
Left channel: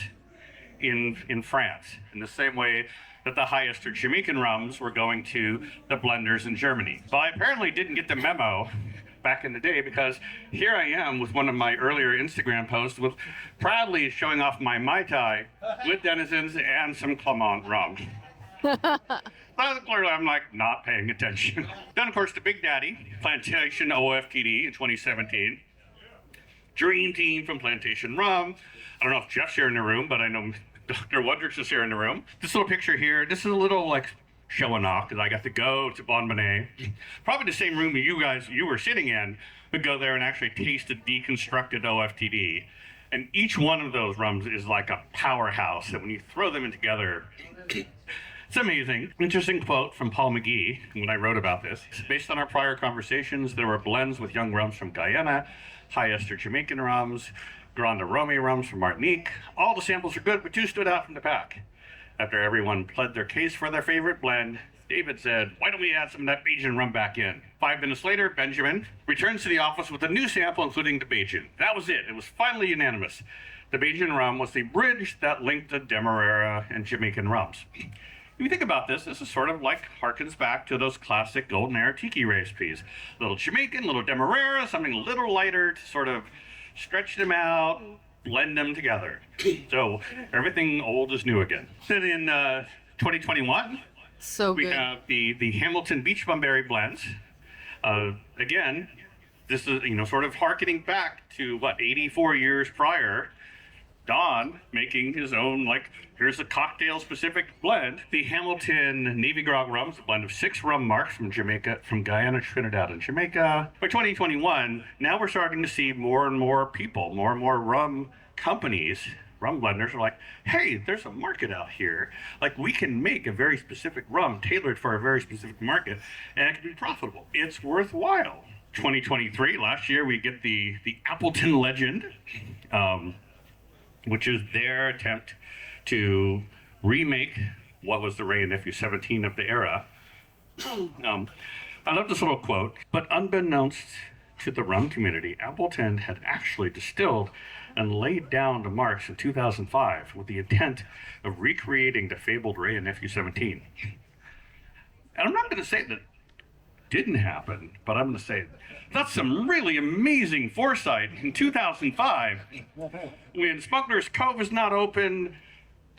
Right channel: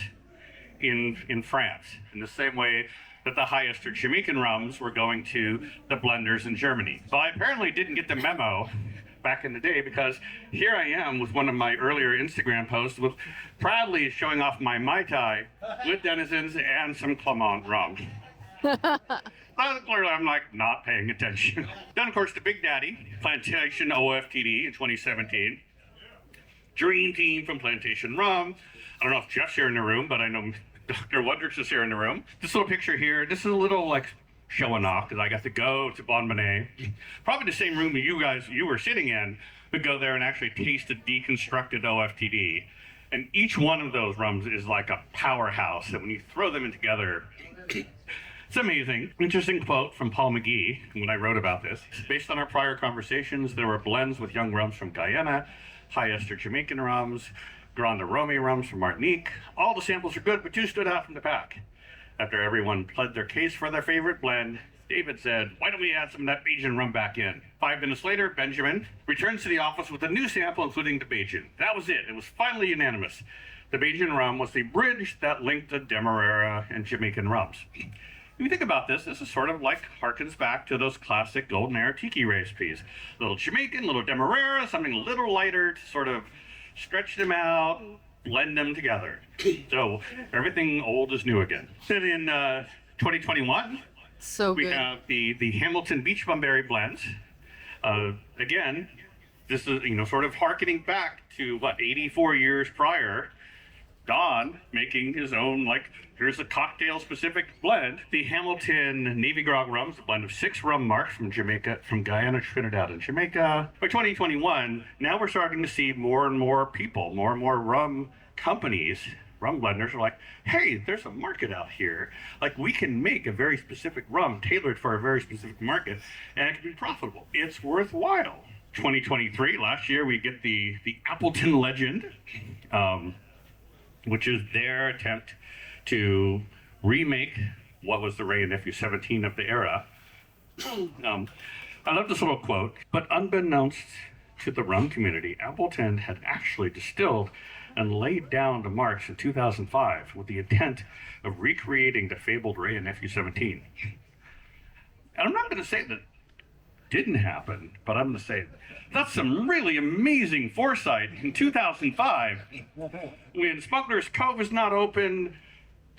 in France, in the same way that the highest Jamaican rums were going to the blenders in Germany. But I apparently didn't get the memo back in the day because here I am with one of my earlier Instagram posts with proudly showing off my Mai Tai with Denizens and some Clement rum. Clearly I'm like not paying attention. Then of course the Big Daddy, Plantation OFTD in 2017. Dream team from Plantation Rum. I don't know if Jeff's here in the room, but I know Dr. Wondrich is here in the room. This little picture here, this is a little like showing off because I got to go to Bon Bonnet. Probably the same room that you were sitting in, but go there and actually taste a deconstructed OFTD. And each one of those rums is like a powerhouse that when you throw them in together, it's amazing. Interesting quote from Paul McGee when I wrote about this. Based on our prior conversations, there were blends with young rums from Guyana, high ester Jamaican rums, Grande Rome rums from Martinique. All the samples are good, but two stood out from the pack. After everyone pled their case for their favorite blend, David said, why don't we add some of that Bajan rum back in? 5 minutes later, Benjamin returns to the office with a new sample, including the Bajan. That was it. It was finally unanimous. The Bajan rum was the bridge that linked the Demerara and Jamaican rums. If you think about this, this is sort of like harkens back to those classic golden era tiki recipes. Little Jamaican, little Demerara, something a little lighter to sort of stretch them out, blend them together. So everything old is new again. Then in 2021, So we good. have the Hamilton Beach Bumberry blends. Again, this is sort of harkening back to 84 years prior. Don making his own, like, here's a cocktail-specific blend. The Hamilton Navy Grog rum is a blend of 6 rum marks from Jamaica, from Guyana, Trinidad, and Jamaica. By 2021, now we're starting to see more and more people, more and more rum companies, rum blenders are like, hey, there's a market out here. Like, we can make a very specific rum tailored for a very specific market, and it can be profitable. It's worthwhile. 2023, last year, we get the Appleton Legend, which is their attempt to remake what was the Ray and Nephew 17 of the era. I love this little quote, but unbeknownst to the rum community, Appleton had actually distilled and laid down the marks in 2005 with the intent of recreating the fabled Ray and Nephew 17. And I'm not going to say that didn't happen, but I'm going to say that's some really amazing foresight in 2005 when Smuggler's Cove is not open,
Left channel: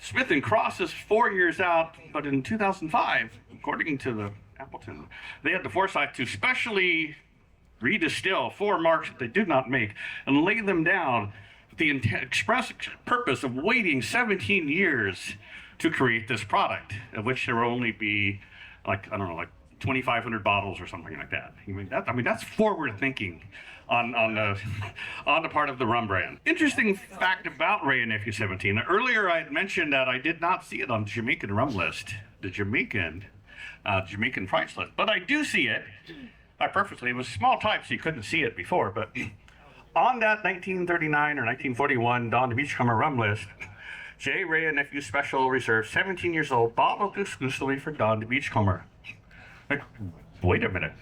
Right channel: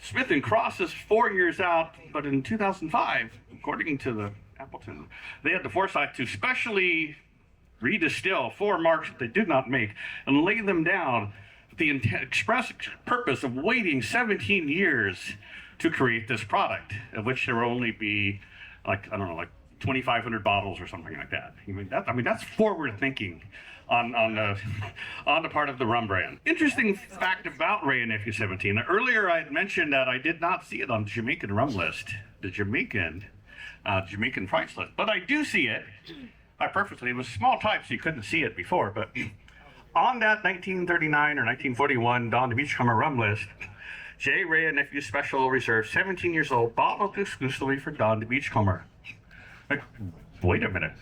Smith and Cross is 4 years out, but in 2005, according to the Appleton, they had the foresight to specially redistill 4 marks that they did not make and lay them down with the express purpose of waiting 17 years to create this product, of which there will only be, like, I don't know, like 2,500 bottles or something like that. That's forward thinking on the part of the rum brand. Interesting fact about Ray and Nephew 17. Earlier I had mentioned that I did not see it on the Jamaican rum list, the Jamaican price list, but I do see it. By purposely, it was small type, so you couldn't see it before. But on that 1939 or 1941 Don the Beachcomber rum list, J. Ray and Nephew Special Reserve, 17 years old, bottled exclusively for Don the Beachcomber. Like, wait a minute.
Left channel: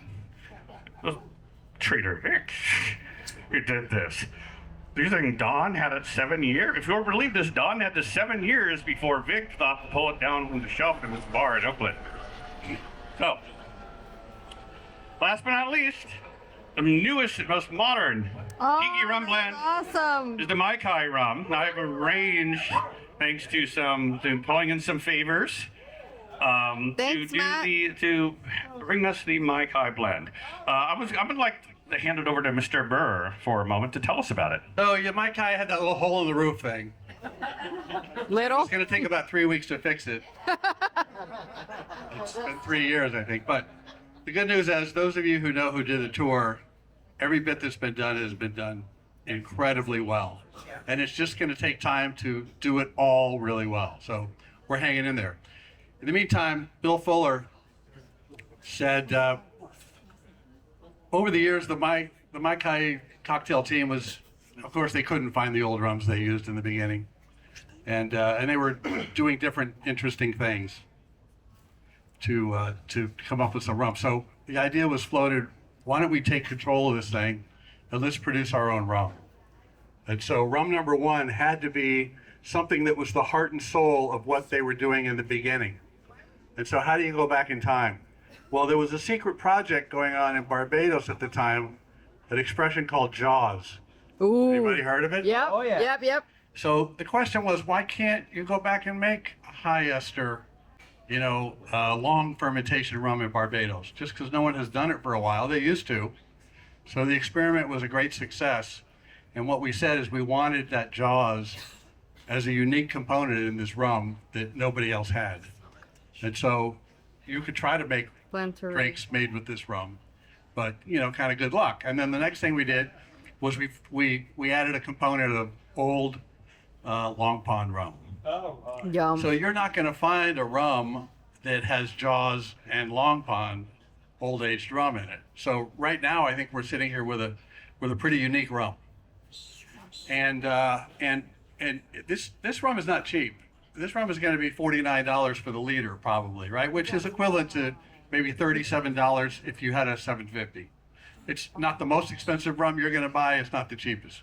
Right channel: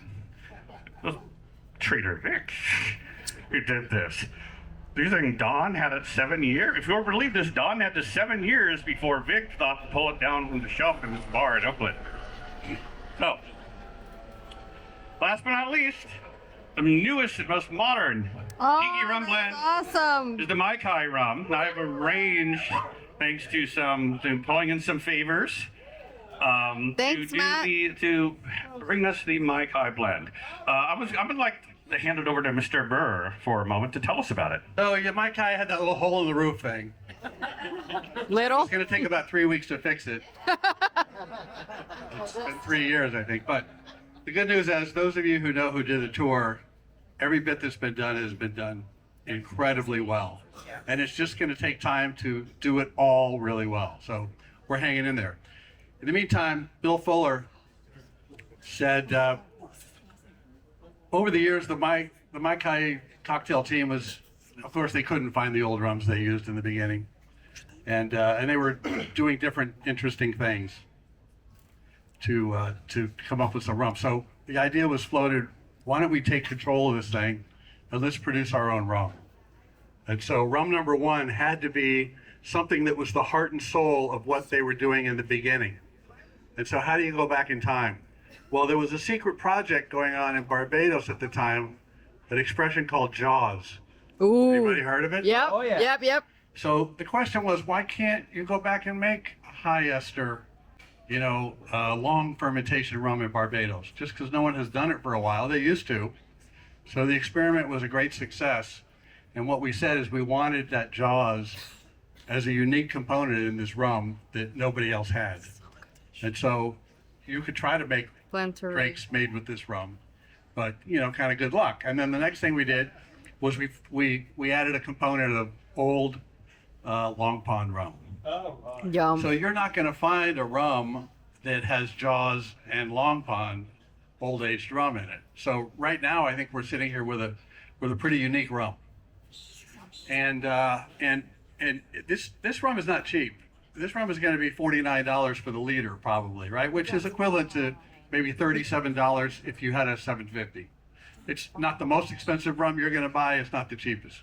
It was Trader Vic who did this. You're saying Don had it 7 years? If you'll believe this, Don had this 7 years before Vic thought to pull it down from the shelf in his bar at Oakland. So, last but not least, the newest and most modern Tiki rum blend Awesome. is the Mai Kai rum. Now I've arranged, thanks to pulling in some favors, Thanks, Matt. to bring us the Mai Kai blend. I would like to hand it over to Mr. Burr for a moment to tell us about it. So your Mai Kai had that little hole in the roof thing. Little. It's going to take about 3 weeks to fix it. It's been 3 years, I think. But the good news is, those of you who know who did the tour, every bit that's been done has been done incredibly well. And it's just going to take time to do it all really well. So we're hanging in there. In the meantime, Bill Fuller said, over the years, the Mai Kai cocktail team was, of course, they couldn't find the old rums they used in the beginning. And they were doing different interesting things to come up with some rum. So the idea was floated, why don't we take control of this thing and let's produce our own rum. And so rum number one had to be something that was the heart and soul of what they were doing in the beginning. And so how do you go back in time? Well, there was a secret project going on in Barbados at the time, an expression called Jaws. Ooh. Anybody heard of it? Yep. Oh, yeah. Yep. So the question was, why can't you go back and make high ester, long fermentation rum in Barbados? Just because no one has done it for a while. They used to. So the experiment was a great success. And what we said is we wanted that Jaws as a unique component in this rum that nobody else had. And so you could try to make drinks made with this rum, but kind of good luck. And then the next thing we did was we added a component of old Long Pond rum. Yum. So you're not going to find a rum that has Jaws and Long Pond old aged rum in it. So right now I think we're sitting here with a pretty unique rum. And this rum is not cheap. This rum is going to be $49 for the liter probably, right? Which is equivalent to maybe $37 if you had a 750. It's not the most expensive rum you're going to buy. It's not the cheapest.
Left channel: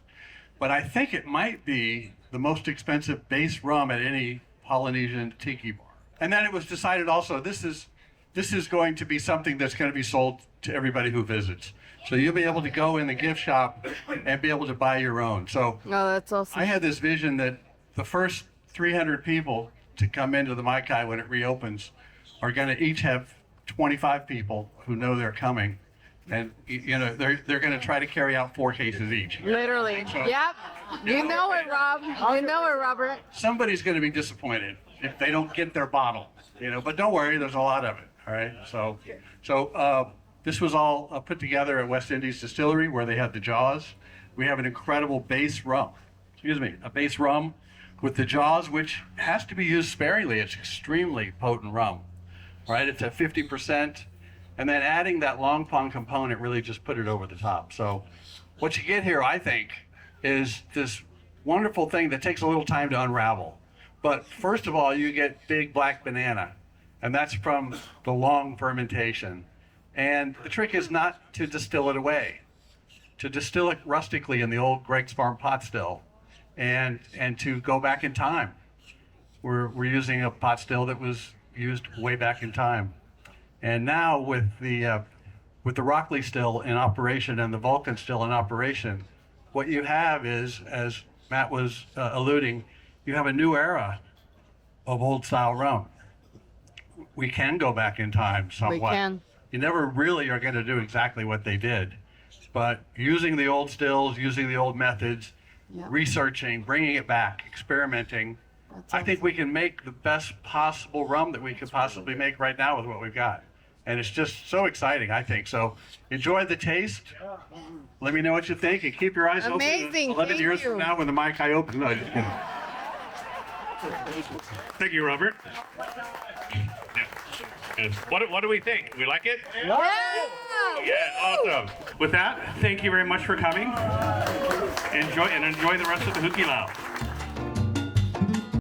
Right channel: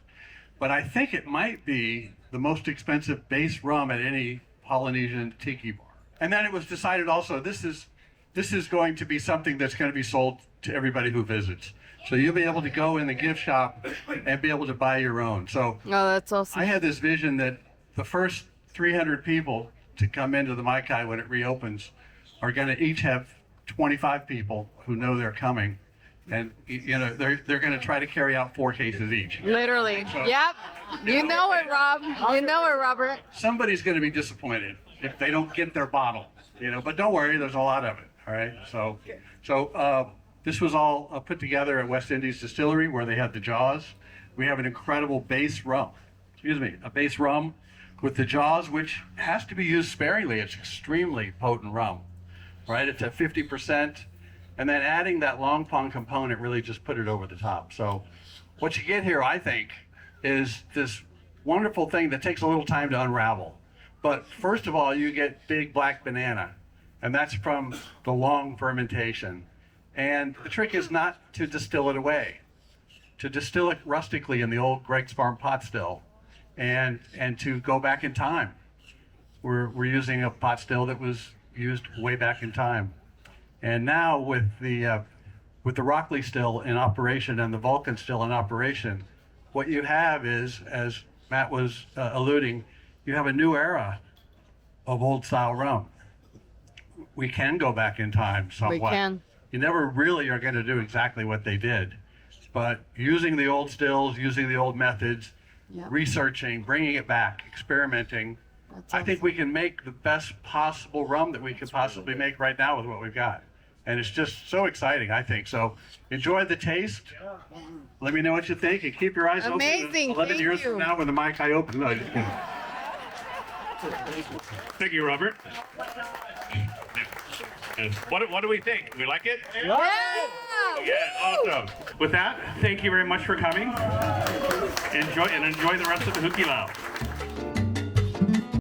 But I think it might be the most expensive base rum at any Polynesian tiki bar. And then it was decided also, this is going to be something that's going to be sold to everybody who visits. So you'll be able to go in the gift shop and be able to buy your own. So Oh, that's awesome. I had this vision that the first 300 people to come into the Mai Kai when it reopens are going to each have 25 people who know they're coming. And they're going to try to carry out 4 cases each. Literally. Yep. You know it, Rob. You know it, Robert. Somebody's going to be disappointed if they don't get their bottle, but don't worry, there's a lot of it. All right. So this was all put together at West Indies Distillery where they had the Jaws. We have an incredible base rum. A base rum with the Jaws, which has to be used sparingly. It's extremely potent rum, right? It's at 50%. And then adding that Long Pond component really just put it over the top. So what you get here, I think, is this wonderful thing that takes a little time to unravel. But first of all, you get big black banana, and that's from the long fermentation. And the trick is not to distill it away, to distill it rustically in the old Greg's Farm pot still, and to go back in time. We're using a pot still that was used way back in time. And now with the Rockley still in operation and the Vulcan still in operation, what you have is, as Matt was alluding, you have a new era of old style rum. We can go back in time somewhat. We can. You never really are going to do exactly what they did, but using the old stills, using the old methods, Yep. researching, bringing it back, experimenting, That's I think we can make the best possible rum that we could possibly make right now with what we've got. And it's just so exciting, I think. So enjoy the taste. Let me know what you think, and keep your eyes Amazing, open. 11 thank years you. from now, when the mic I open. No, just kidding. Thank you, Robert. What do we think? We like it? Yeah. Yeah, awesome. With that, thank you very much for coming. Enjoy the rest of the Hookie Lounge.